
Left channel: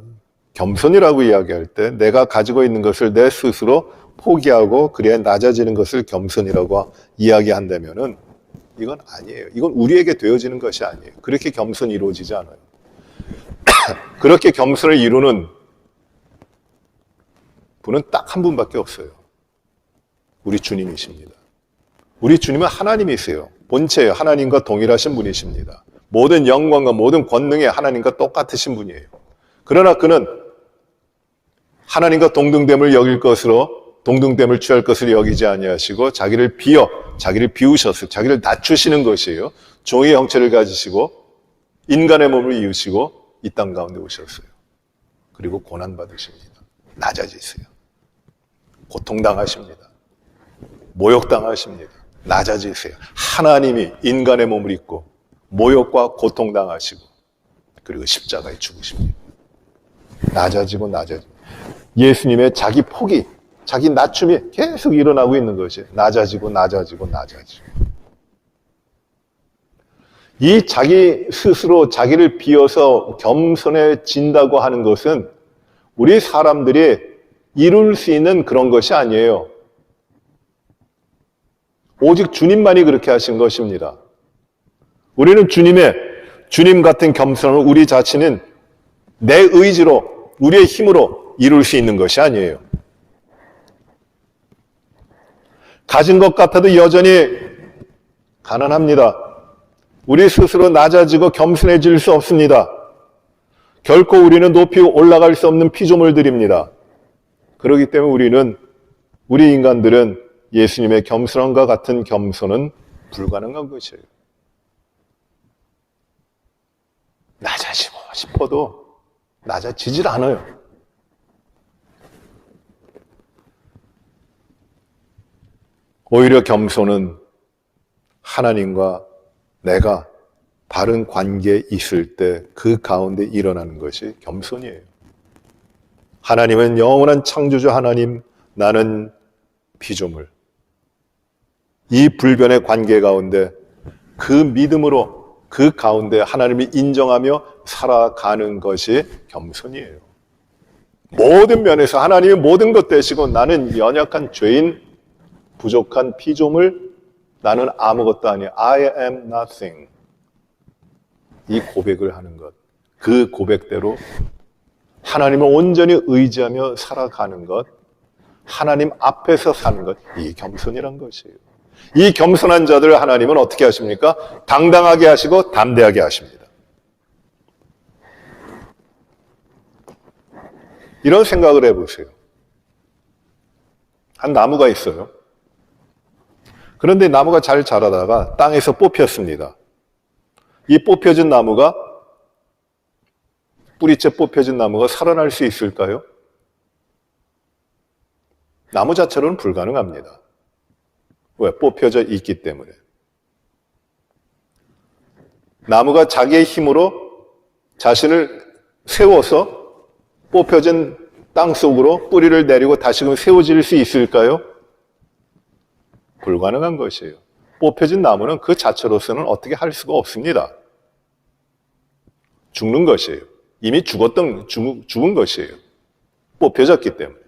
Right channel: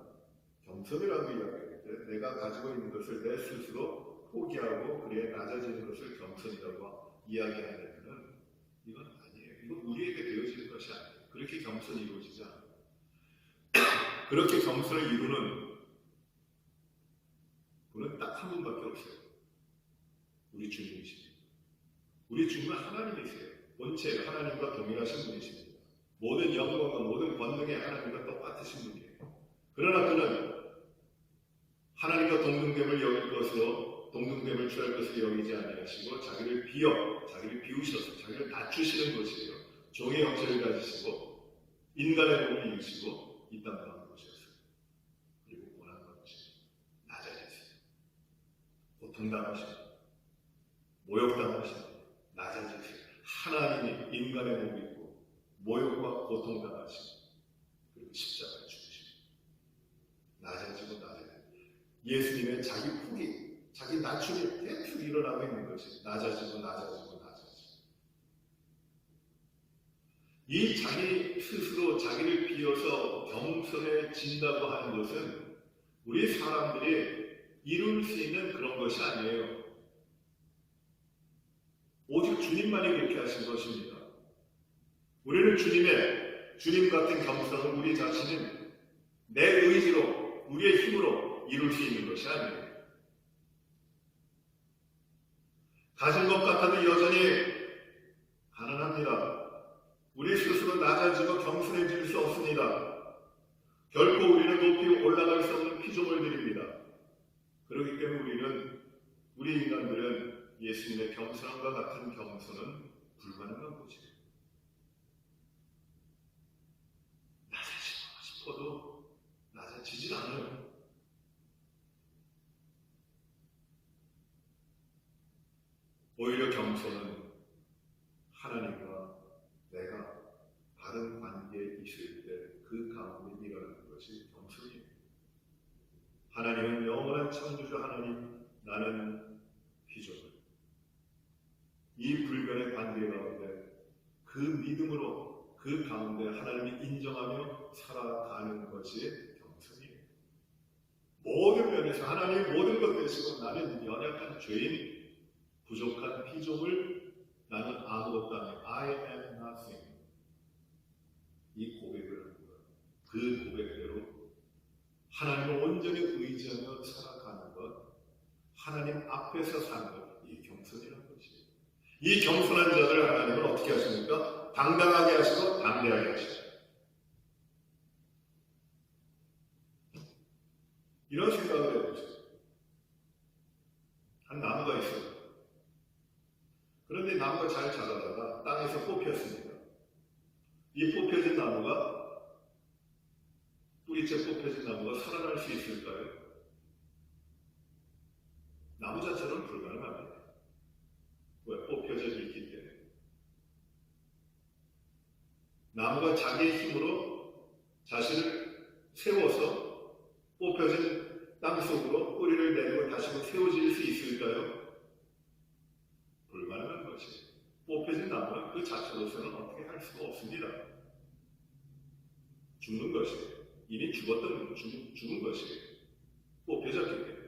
겸손이라고 이야기할 때 내가 가지고 있는 것을 내 스스로 포기하고 그래야 낮아지는 것을 겸손이라고 이야기한다면은 이건 아니에요. 이건 우리에게 되어지는 것이 아니에요. 그렇게 겸손이 이루어지지 않아요. 그렇게 겸손을 이루는 분은 딱 한 분밖에 없어요. 우리 주님이십니다. 우리 주님은 하나님이세요. 본체예요. 하나님과 동일하신 분이십니다. 모든 영광과 모든 권능이 하나님과 똑같으신 분이에요. 그러나 그는 하나님과 동등됨을 여길 것으로 동등됨을 취할 것을 여기지 아니하시고 자기를 비우셨어요. 자기를 낮추시는 것이에요. 종의 형체를 가지시고 인간의 몸을 이으시고 이 땅 가운데 오셨어요. 그리고 고난받으십니다. 낮아지세요. 고통당하십니다. 모욕당하십니다. 낮아지세요. 하나님이 인간의 몸을 입고 모욕과 고통당하시고 그리고 십자가에 죽으십니다. 낮아지고 예수님의 자기 포기, 자기 낮춤이 계속 일어나고 있는 것이에요. 낮아지고 이 자기 스스로 자기를 비워서 겸손해진다고 하는 것은 우리 사람들이 이룰 수 있는 그런 것이 아니에요. 오직 주님만이 그렇게 하신 것입니다. 우리는 주님 같은 겸손을 우리 자신은 내 의지로, 우리의 힘으로 이룰 수 있는 것이 아니에요. 가진 것 같아도 여전히 가난합니다. 우리 스스로 낮아지고 겸손해질 수 없습니다. 결코 우리는 높이 올라갈 수 없는 피조물들입니다. 그렇기 때문에 우리 인간들은 예수님의 겸손함과 같은 겸손은 불가능한 것이에요. 낮아지고 싶어도 낮아지질 않아요. 오히려 겸손은 하나님과 내가 바른 관계에 있을 때 그 가운데 일어나는 것이 겸손이에요. 하나님은 영원한 창조주 하나님, 나는 피조물. 이 불변의 관계 가운데 그 믿음으로 그 가운데 하나님이 인정하며 살아가는 것이 겸손이에요. 모든 면에서 하나님의 모든 것 되시고 나는 연약한 죄인, 부족한 피조물, 나는 아무것도 아니야. I am nothing. 이 고백을 하는 것. 그 고백대로 하나님을 온전히 의지하며 살아가는 것. 하나님 앞에서 사는 것. 이 겸손이란 것이에요. 이 겸손한 자들을 하나님은 어떻게 하십니까? 당당하게 하시고 담대하게 하십니다. 이런 생각을 해보세요. 한 나무가 있어요. 그런데 나무가 잘 자라다가 땅에서 뽑혔습니다. 이 뽑혀진 나무가, 뿌리째 뽑혀진 나무가 살아날 수 있을까요? 나무 자체로는 불가능합니다. 왜? 뽑혀져 있기 때문에. 나무가 자기의 힘으로 자신을 세워서 뽑혀진 땅 속으로 뿌리를 내리고 다시금 세워질 수 있을까요? 불가능한 것이에요. 뽑혀진 나무는 그 자체로서는 어떻게 할 수가 없습니다. 죽는 것이에요. 이미 죽은 것이에요. 뽑혀졌기 때문에.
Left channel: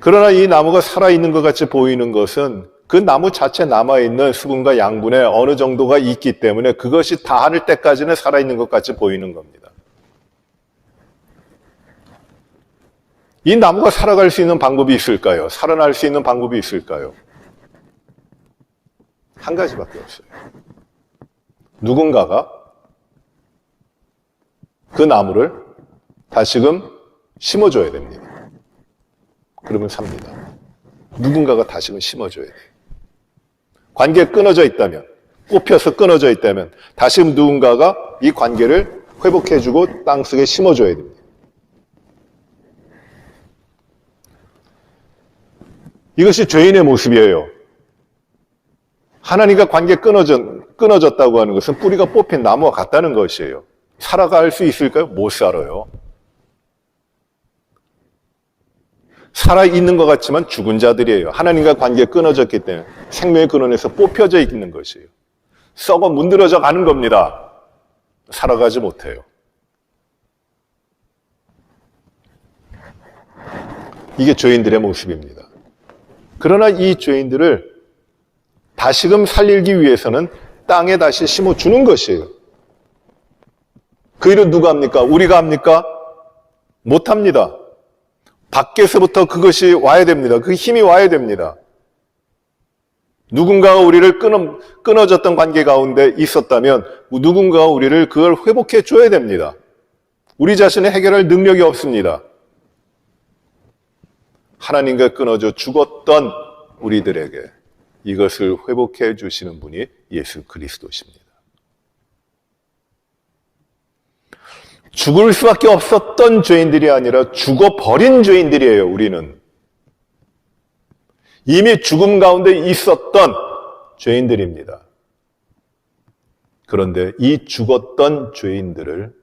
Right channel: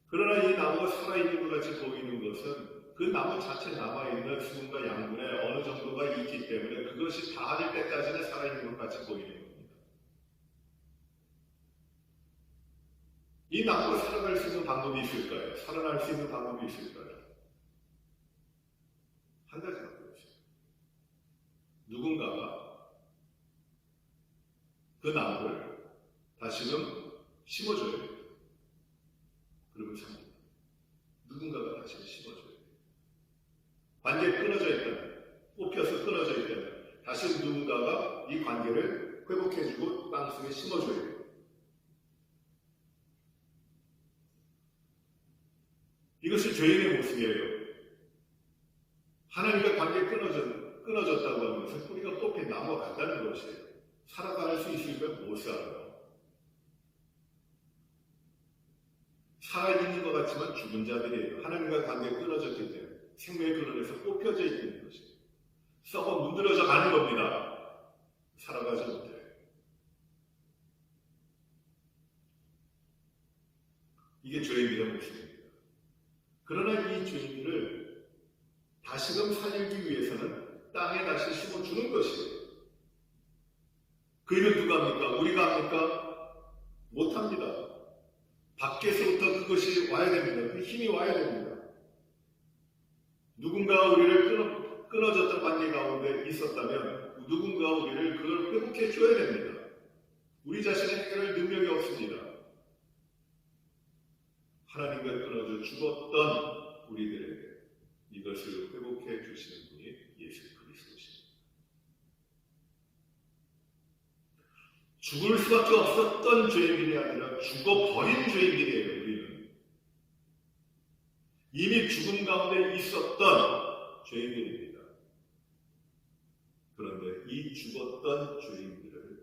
그러나 이 나무가 살아있는 것 같이 보이는 것은 그 나무 자체에 남아있는 수분과 양분에 어느 정도가 있기 때문에 그것이 다할 때까지는 살아있는 것 같이 보이는 겁니다. 이 나무가 살아갈 수 있는 방법이 있을까요? 살아날 수 있는 방법이 있을까요? 한 가지밖에 없어요. 누군가가 그 나무를 다시금 심어줘야 됩니다. 그러면 삽니다. 누군가가 다시금 심어줘야 돼요. 관계가 끊어져 있다면, 뽑혀서 끊어져 있다면 다시금 누군가가 이 관계를 회복해주고 땅속에 심어줘야 됩니다. 이것이 죄인의 모습이에요. 하나님과 관계 끊어졌다고 하는 것은 뿌리가 뽑힌 나무와 같다는 것이에요. 살아갈 수 있을까요? 못 살아요. 살아있는 것 같지만 죽은 자들이에요. 하나님과 관계 끊어졌기 때문에 생명의 근원에서 뽑혀져 있는 것이에요. 썩어 문드러져 가는 겁니다. 살아가지 못해요. 이게 죄인들의 모습입니다. 그러나 이 죄인들을 다시금 살리기 위해서는 땅에 다시 심어주는 것이에요. 그 일은 누가 합니까? 우리가 합니까? 못합니다. 밖에서부터 그것이 와야 됩니다. 그 힘이 와야 됩니다. 누군가가 우리를 끊어졌던 관계 가운데 있었다면 누군가가 우리를 그걸 회복해 줘야 됩니다. 우리 자신이 해결할 능력이 없습니다. 하나님과 끊어져 죽었던 우리들에게 이것을 회복해 주시는 분이 예수 그리스도십니다. 죽을 수밖에 없었던 죄인들이 아니라 죽어버린 죄인들이에요, 우리는. 이미 죽음 가운데 있었던 죄인들입니다. 그런데 이 죽었던 죄인들을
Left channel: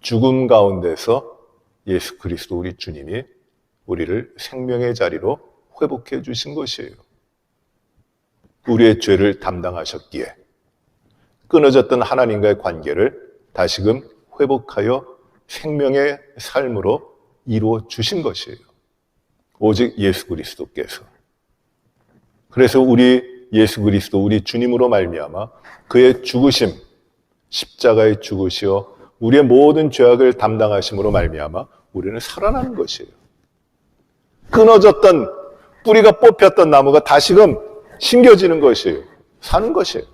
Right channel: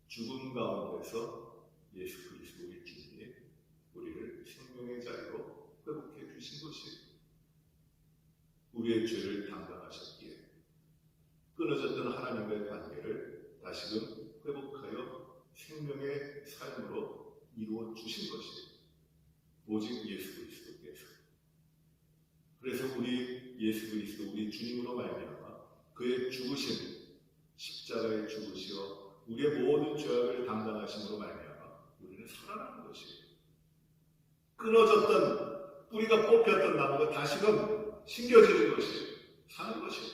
죽음 가운데서 예수 그리스도 우리 주님이 우리를 생명의 자리로 회복해 주신 것이에요. 우리의 죄를 담당하셨기에 끊어졌던 하나님과의 관계를 다시금 회복하여 생명의 삶으로 이루어 주신 것이에요. 오직 예수 그리스도께서. 그래서 우리 예수 그리스도 우리 주님으로 말미암아 그의 죽으심, 십자가의 죽으시어 우리의 모든 죄악을 담당하심으로 말미암아 우리는 살아나는 것이에요. 끊어졌던 뿌리가 뽑혔던 나무가 다시금 심겨지는 것이에요. 사는 것이에요.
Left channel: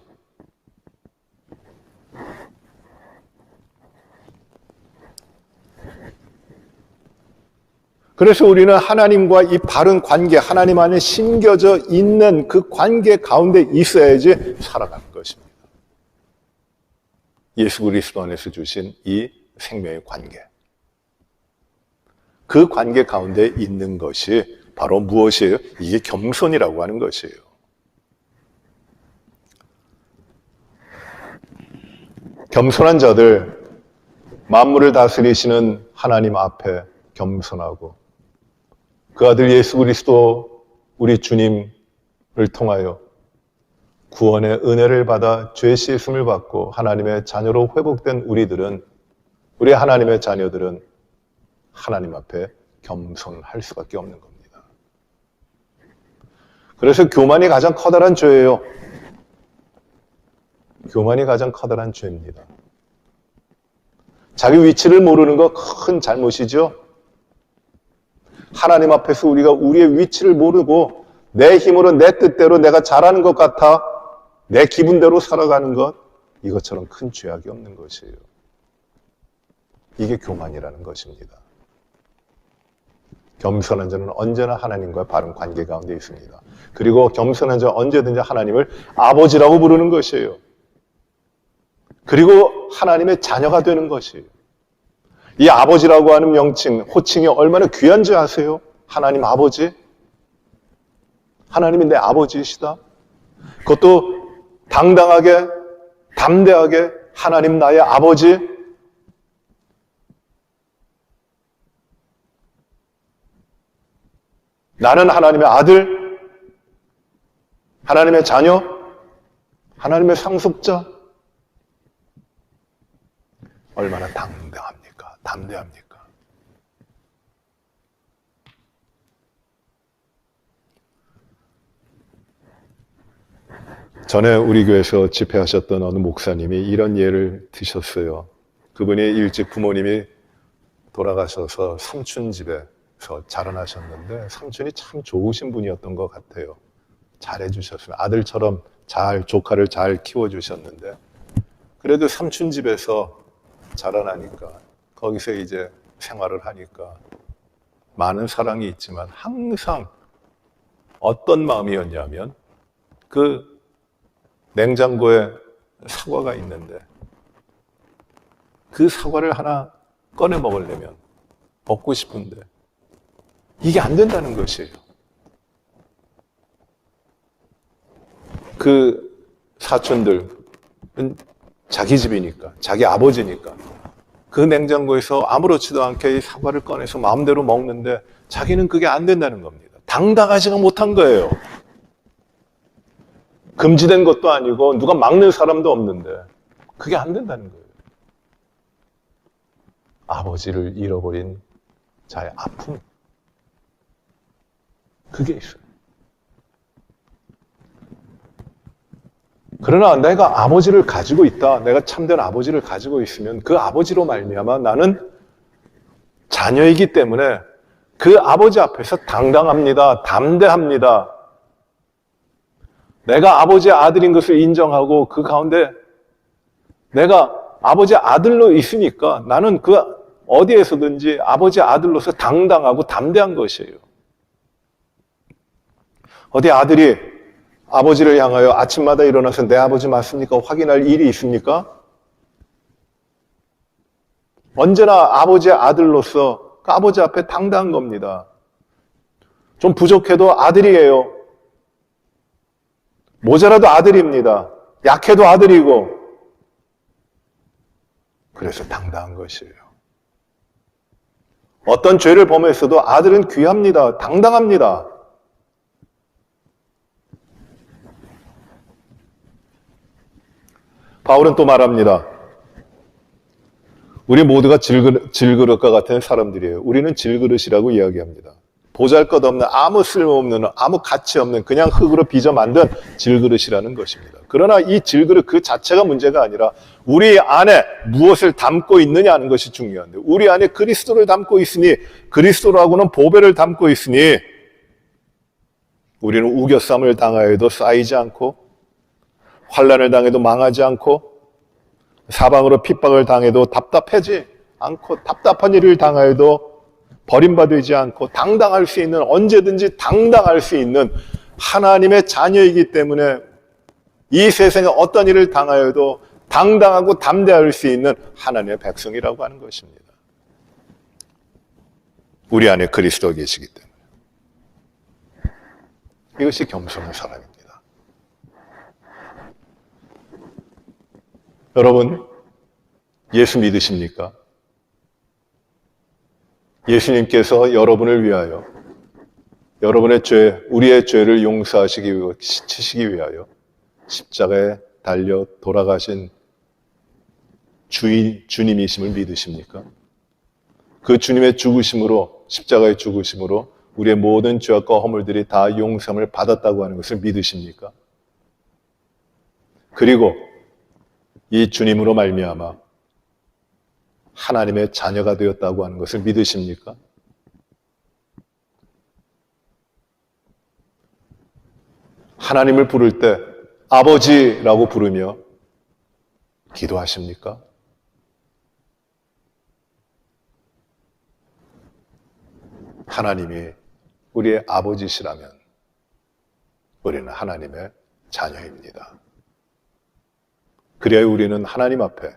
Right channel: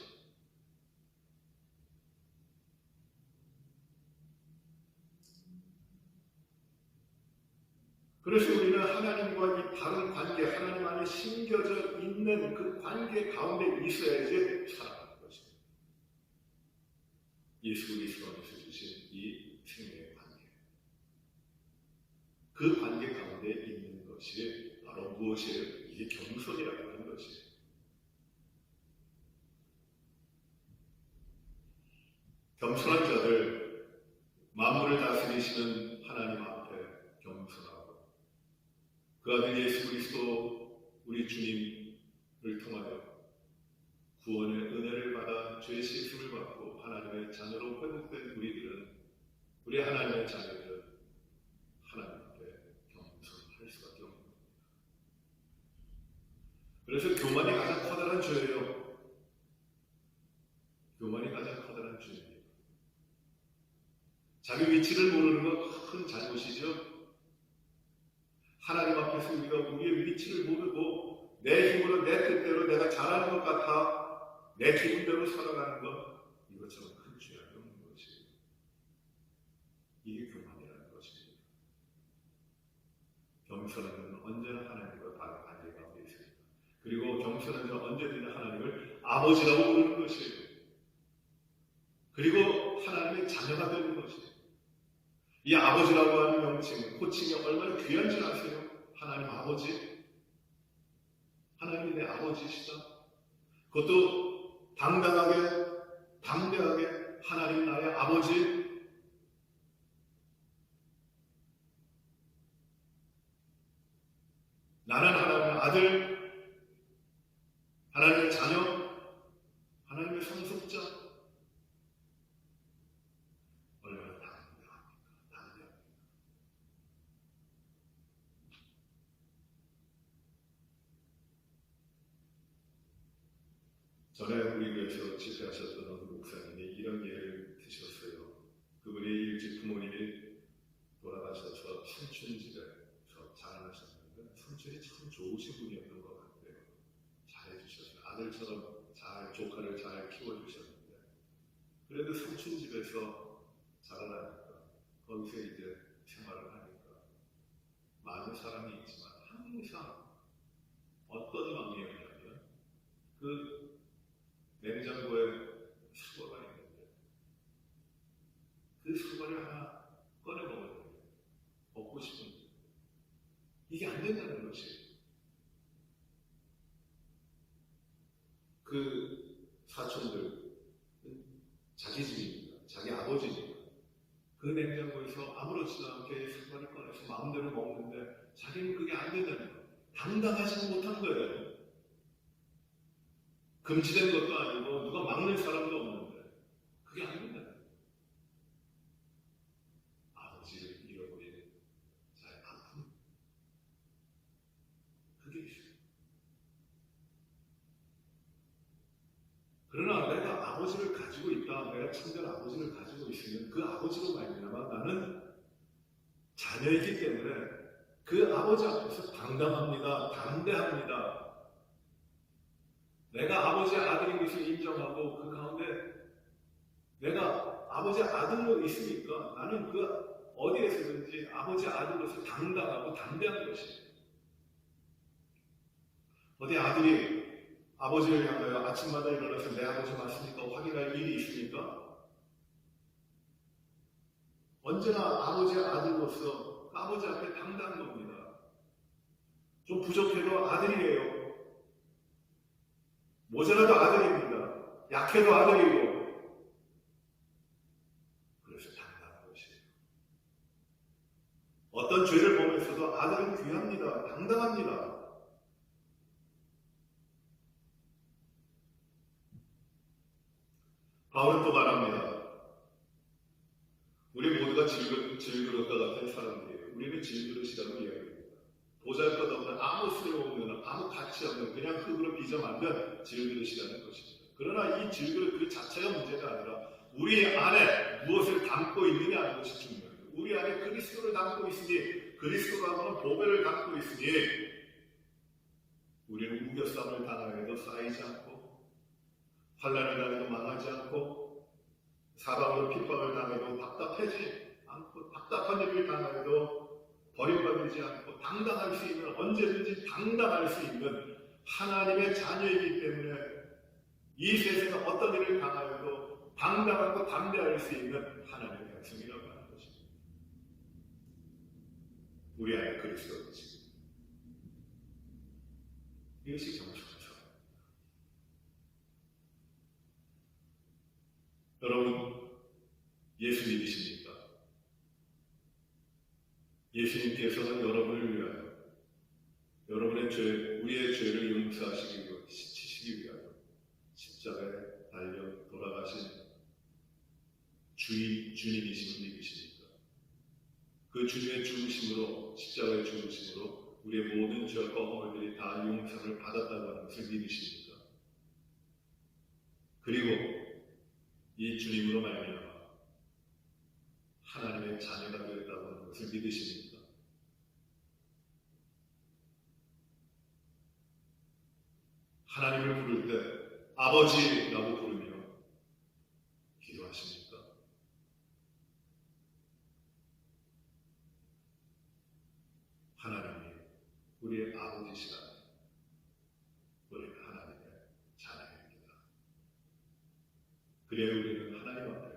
그래서 우리는 하나님과 이 바른 관계, 하나님 안에 심겨져 있는 그 관계 가운데 있어야지 살아가는 것입니다. 예수 그리스도 안에서 주신 이 생명의 관계. 그 관계 가운데 있는 것이 바로 무엇이에요? 이게 겸손이라고 하는 것이에요. 겸손한 자들, 만물을 다스리시는 하나님 앞에 겸손하고 그 아들 예수 그리스도 우리 주님을 통하여 구원의 은혜를 받아 죄 씻음을 받고 하나님의 자녀로 회복된 우리 하나님의 자녀들은 하나님 앞에 겸손할 수밖에 없는 겁니다. 그래서 교만이 가장 커다란 죄예요. 교만이 가장 커다란 죄입니다. 자기 위치를 모르는 거 큰 잘못이죠. 하나님 앞에서 우리가 우리의 위치를 모르고 내 힘으로 내 뜻대로 내가 잘하는 것 같아 내 기분대로 살아가는 것, 이것처럼 큰 죄악이 없는 것이에요. 이게 교만이라는 것입니다. 겸손한 자는 언제나 하나님과 바른 관계 가운데 있습니다. 그리고 겸손한 자는 언제든지 하나님을 아버지라고 부르는 것이에요. 그리고 하나님의 자녀가 되는 것이에요. 이 아버지라고 하는 명칭, 호칭이 얼마나 귀한지 아세요? 하나님 아버지? 하나님이 내 아버지이시다? 그것도 당당하게, 담대하게 하나님 나의 아버지? 나는 하나님의 아들? 하나님의 자녀? 하나님의 상속자? 얼마나 담대합니까? 전에 우리 교회에서 집회하셨던 어느 목사님이 이런 예를 드셨어요. 그분이 일찍 부모님이 돌아가셔서 삼촌 집에서 자라나셨는데 삼촌이 참 좋으신 분이었던 것 같아요. 잘해주셨어요. 아들처럼 조카를 잘 키워주셨는데 그래도 삼촌 집에서 자라나니까 거기서 이제 생활을 하니까 많은 사랑이 있지만 항상 어떤 마음이었냐면 그 냉장고에 사과가 있는데 그 사과를 하나 꺼내 먹으려면 먹고 싶은데 이게 안 된다는 것이에요. 그 사촌들은 자기 집이니까, 자기 아버지니까 그 냉장고에서 아무렇지도 않게 이 사과를 꺼내서 마음대로 먹는데 자기는 그게 안 된다는 겁니다. 당당하지가 못한 거예요. 금지된 것도 아니고 누가 막는 사람도 없는데 그게 안 된다는 거예요. 아버지를 잃어버린 자의 아픔, 그게 있어요. 그러나 내가 아버지를 가지고 있다, 내가 참된 아버지를 가지고 있으면 그 아버지로 말미암아 나는 자녀이기 때문에 그 아버지 앞에서 당당합니다. 담대합니다. 내가 아버지의 아들인 것을 인정하고 그 가운데 내가 아버지의 아들로 있으니까 나는 그 어디에서든지 아버지의 아들로서 당당하고 담대한 것이에요. 어디 아들이 아버지를 향하여 아침마다 일어나서 내 아버지 맞습니까? 확인할 일이 있습니까? 언제나 아버지의 아들로서 그 아버지 앞에 당당한 겁니다. 좀 부족해도 아들이에요. 모자라도 아들입니다. 약해도 아들이고. 그래서 당당한 것이에요. 어떤 죄를 범했어도 아들은 귀합니다. 당당합니다. 바울은 또 말합니다. 우리 모두가 질그릇과 같은 사람들이에요. 우리는 질그릇이라고 이야기합니다. 보잘것없는, 아무 쓸모없는, 아무 가치 없는 그냥 흙으로 빚어 만든 질그릇이라는 것입니다. 그러나 이 질그릇 그 자체가 문제가 아니라 우리 안에 무엇을 담고 있느냐는 것이 중요한데, 우리 안에 그리스도를 담고 있으니, 그리스도라고는 보배를 담고 있으니 우리는 우겨쌈을 당하여도 쌓이지 않고, 환난을 당해도 망하지 않고, 사방으로 핍박을 당해도 답답하지 않고, 답답한 일을 당하여도 버림받지 않고 당당할 수 있는, 언제든지 당당할 수 있는 하나님의 자녀이기 때문에 이 세상에 어떤 일을 당하여도 당당하고 담대할 수 있는 하나님의 백성이라고 하는 것입니다. 우리 안에 그리스도가 계시기 때문에. 이것이 겸손한 사람입니다. 여러분, 예수 믿으십니까? 예수님께서 여러분을 위하여, 여러분의 죄, 우리의 죄를 용서하시기 위하여, 씻으시기 위하여 십자가에 달려 돌아가신 주님이심을 믿으십니까? 그 주님의 죽으심으로, 십자가의 죽으심으로 우리의 모든 죄악과 허물들이 다 용서함을 받았다고 하는 것을 믿으십니까? 그리고 이 주님으로 말미암아 하나님의 자녀가 되었다고 하는 것을 믿으십니까? 하나님을 부를 때 아버지라고 부르며 기도하십니까? 하나님이 우리의 아버지시라면 우리는 하나님의 자녀입니다. 그래야 우리는 하나님 앞에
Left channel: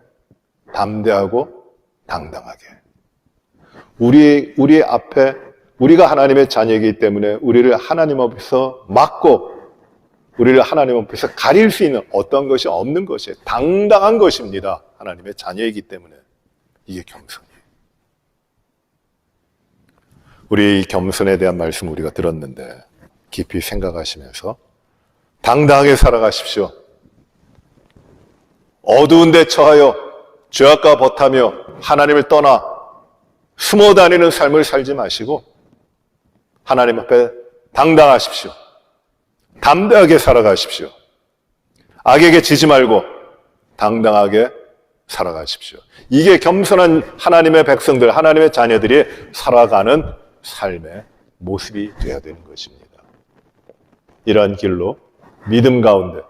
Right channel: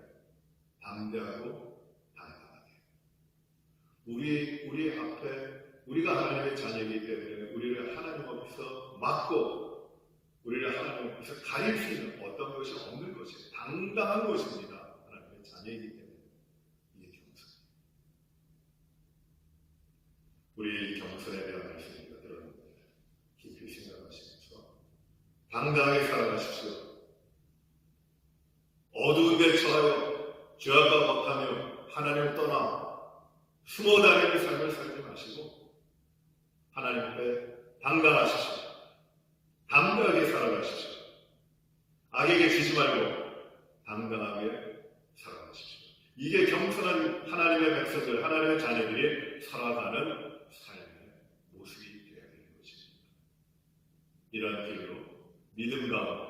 담대하고 당당하게, 우리 앞에, 우리가 하나님의 자녀이기 때문에 우리를 하나님 앞에서 막고 우리를 하나님 앞에서 가릴 수 있는 어떤 것이 없는 것이에요. 당당한 것입니다. 하나님의 자녀이기 때문에. 이게 겸손이에요. 우리 이 겸손에 대한 말씀 우리가 들었는데 깊이 생각하시면서 당당하게 살아가십시오. 어두운 데 처하여 죄악과 버타며 하나님을 떠나 숨어 다니는 삶을 살지 마시고 하나님 앞에 당당하십시오. 담대하게 살아가십시오. 악에게 지지 말고 당당하게 살아가십시오. 이게 겸손한 하나님의 백성들, 하나님의 자녀들이 살아가는 삶의 모습이 되어야 되는 것입니다. 이러한 길로 믿음 가운데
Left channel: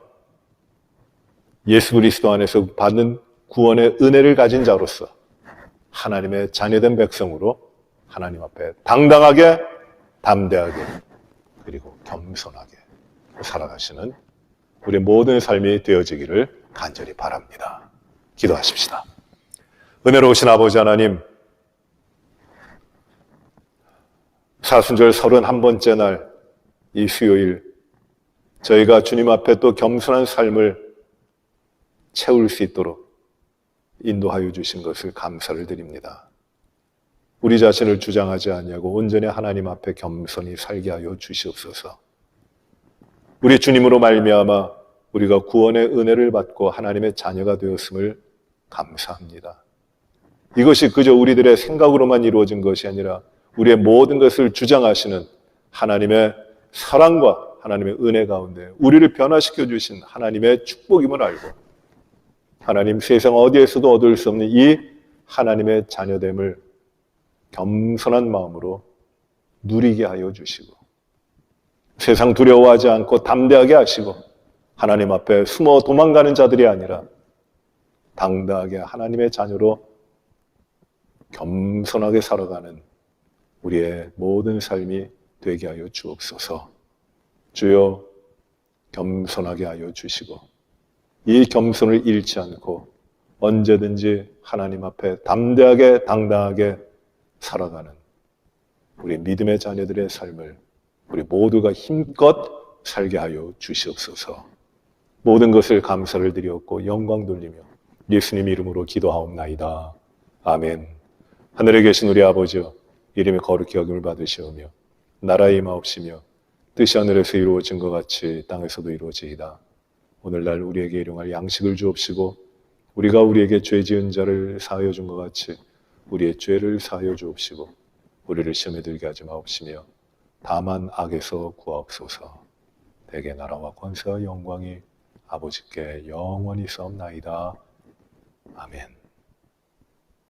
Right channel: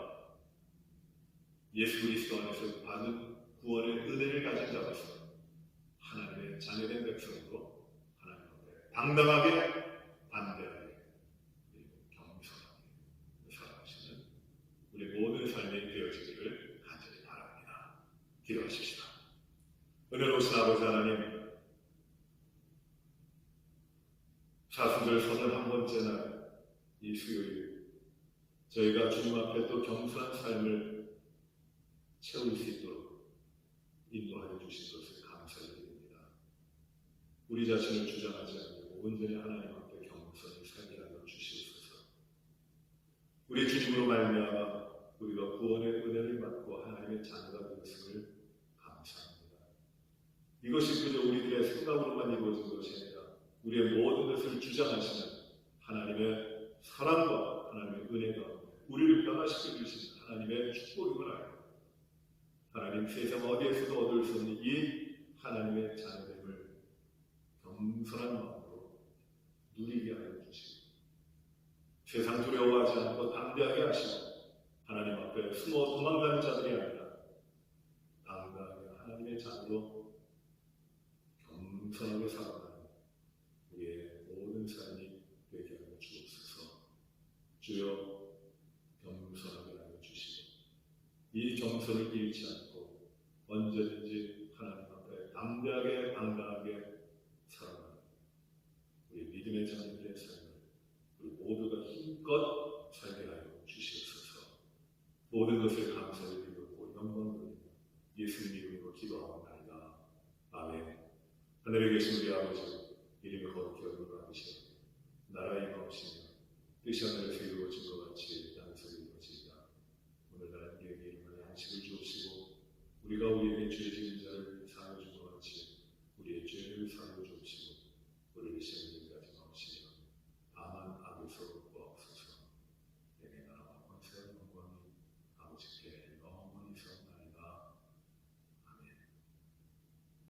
예수 그리스도 안에서 받는 구원의 은혜를 가진 자로서 하나님의 자녀된 백성으로 하나님 앞에 당당하게, 담대하게, 그리고 겸손하게 살아가시는 우리 모든 삶이 되어지기를 간절히 바랍니다. 기도하십시다. 은혜로우신 아버지 하나님, 사순절 31번째 날 이 수요일 저희가 주님 앞에 또 겸손한 삶을 채울 수 있도록 인도하여 주신 것을 감사를 드립니다. 우리 자신을 주장하지 아니하고 온전히 하나님 앞에 겸손히 살게 하여 주시옵소서. 우리 주님으로 말미암아 우리가 구원의 은혜를 받고 하나님의 자녀가 되었음을 감사합니다. 이것이 그저 우리들의 생각으로만 이루어진 것이 아니라 우리의 모든 것을 주장하시는 하나님의 사랑과 하나님의 은혜 가운데 우리를 변화시켜 주신 하나님의 축복임을 알고 하나님 세상 어디에서도 얻을 수 없는 이 하나님의 자녀됨을 겸손한 마음으로 누리게 하여 주시고 세상 두려워하지 않고 담대하게 하시고 하나님 앞에 숨어 도망가는 자들이 아니라 당당하게 하나님의 자녀로 겸손하게 살아가는 우리의 모든 삶이 되게 하여 주옵소서. 주여 겸손하게 하여 주시고 이 겸손을 잃지 않고 언제든지 하나님 앞에 담대하게 당당하게 살아가는 우리 믿음의 자녀들의 삶을 우리 모두가 힘껏 살게 하여 주시옵소서. 모든 것을 감사를 드리옵고 영광 돌리며 예수님 이름으로 기도하옵나이다. 아멘. 하늘에 계신 우리 아버지여 이름이 거룩히 여김을 받으시오며 나라의 임하옵시며 뜻이 하늘에서 이루어진 것 같이 땅에서도 이루어지이다. 오늘날 우리에게 일용할 양식을 주옵시고 우리가 우리에게 죄 지은 자를 사하여 준 것 같이 우리의 죄를 사하여 주옵시고 우리를 시험에 들게 하지 마옵시며 다만 악에서 구하옵소서. 대개 나라와 권세와 영광이 아버지께 영원히 싸움나이다. 아멘.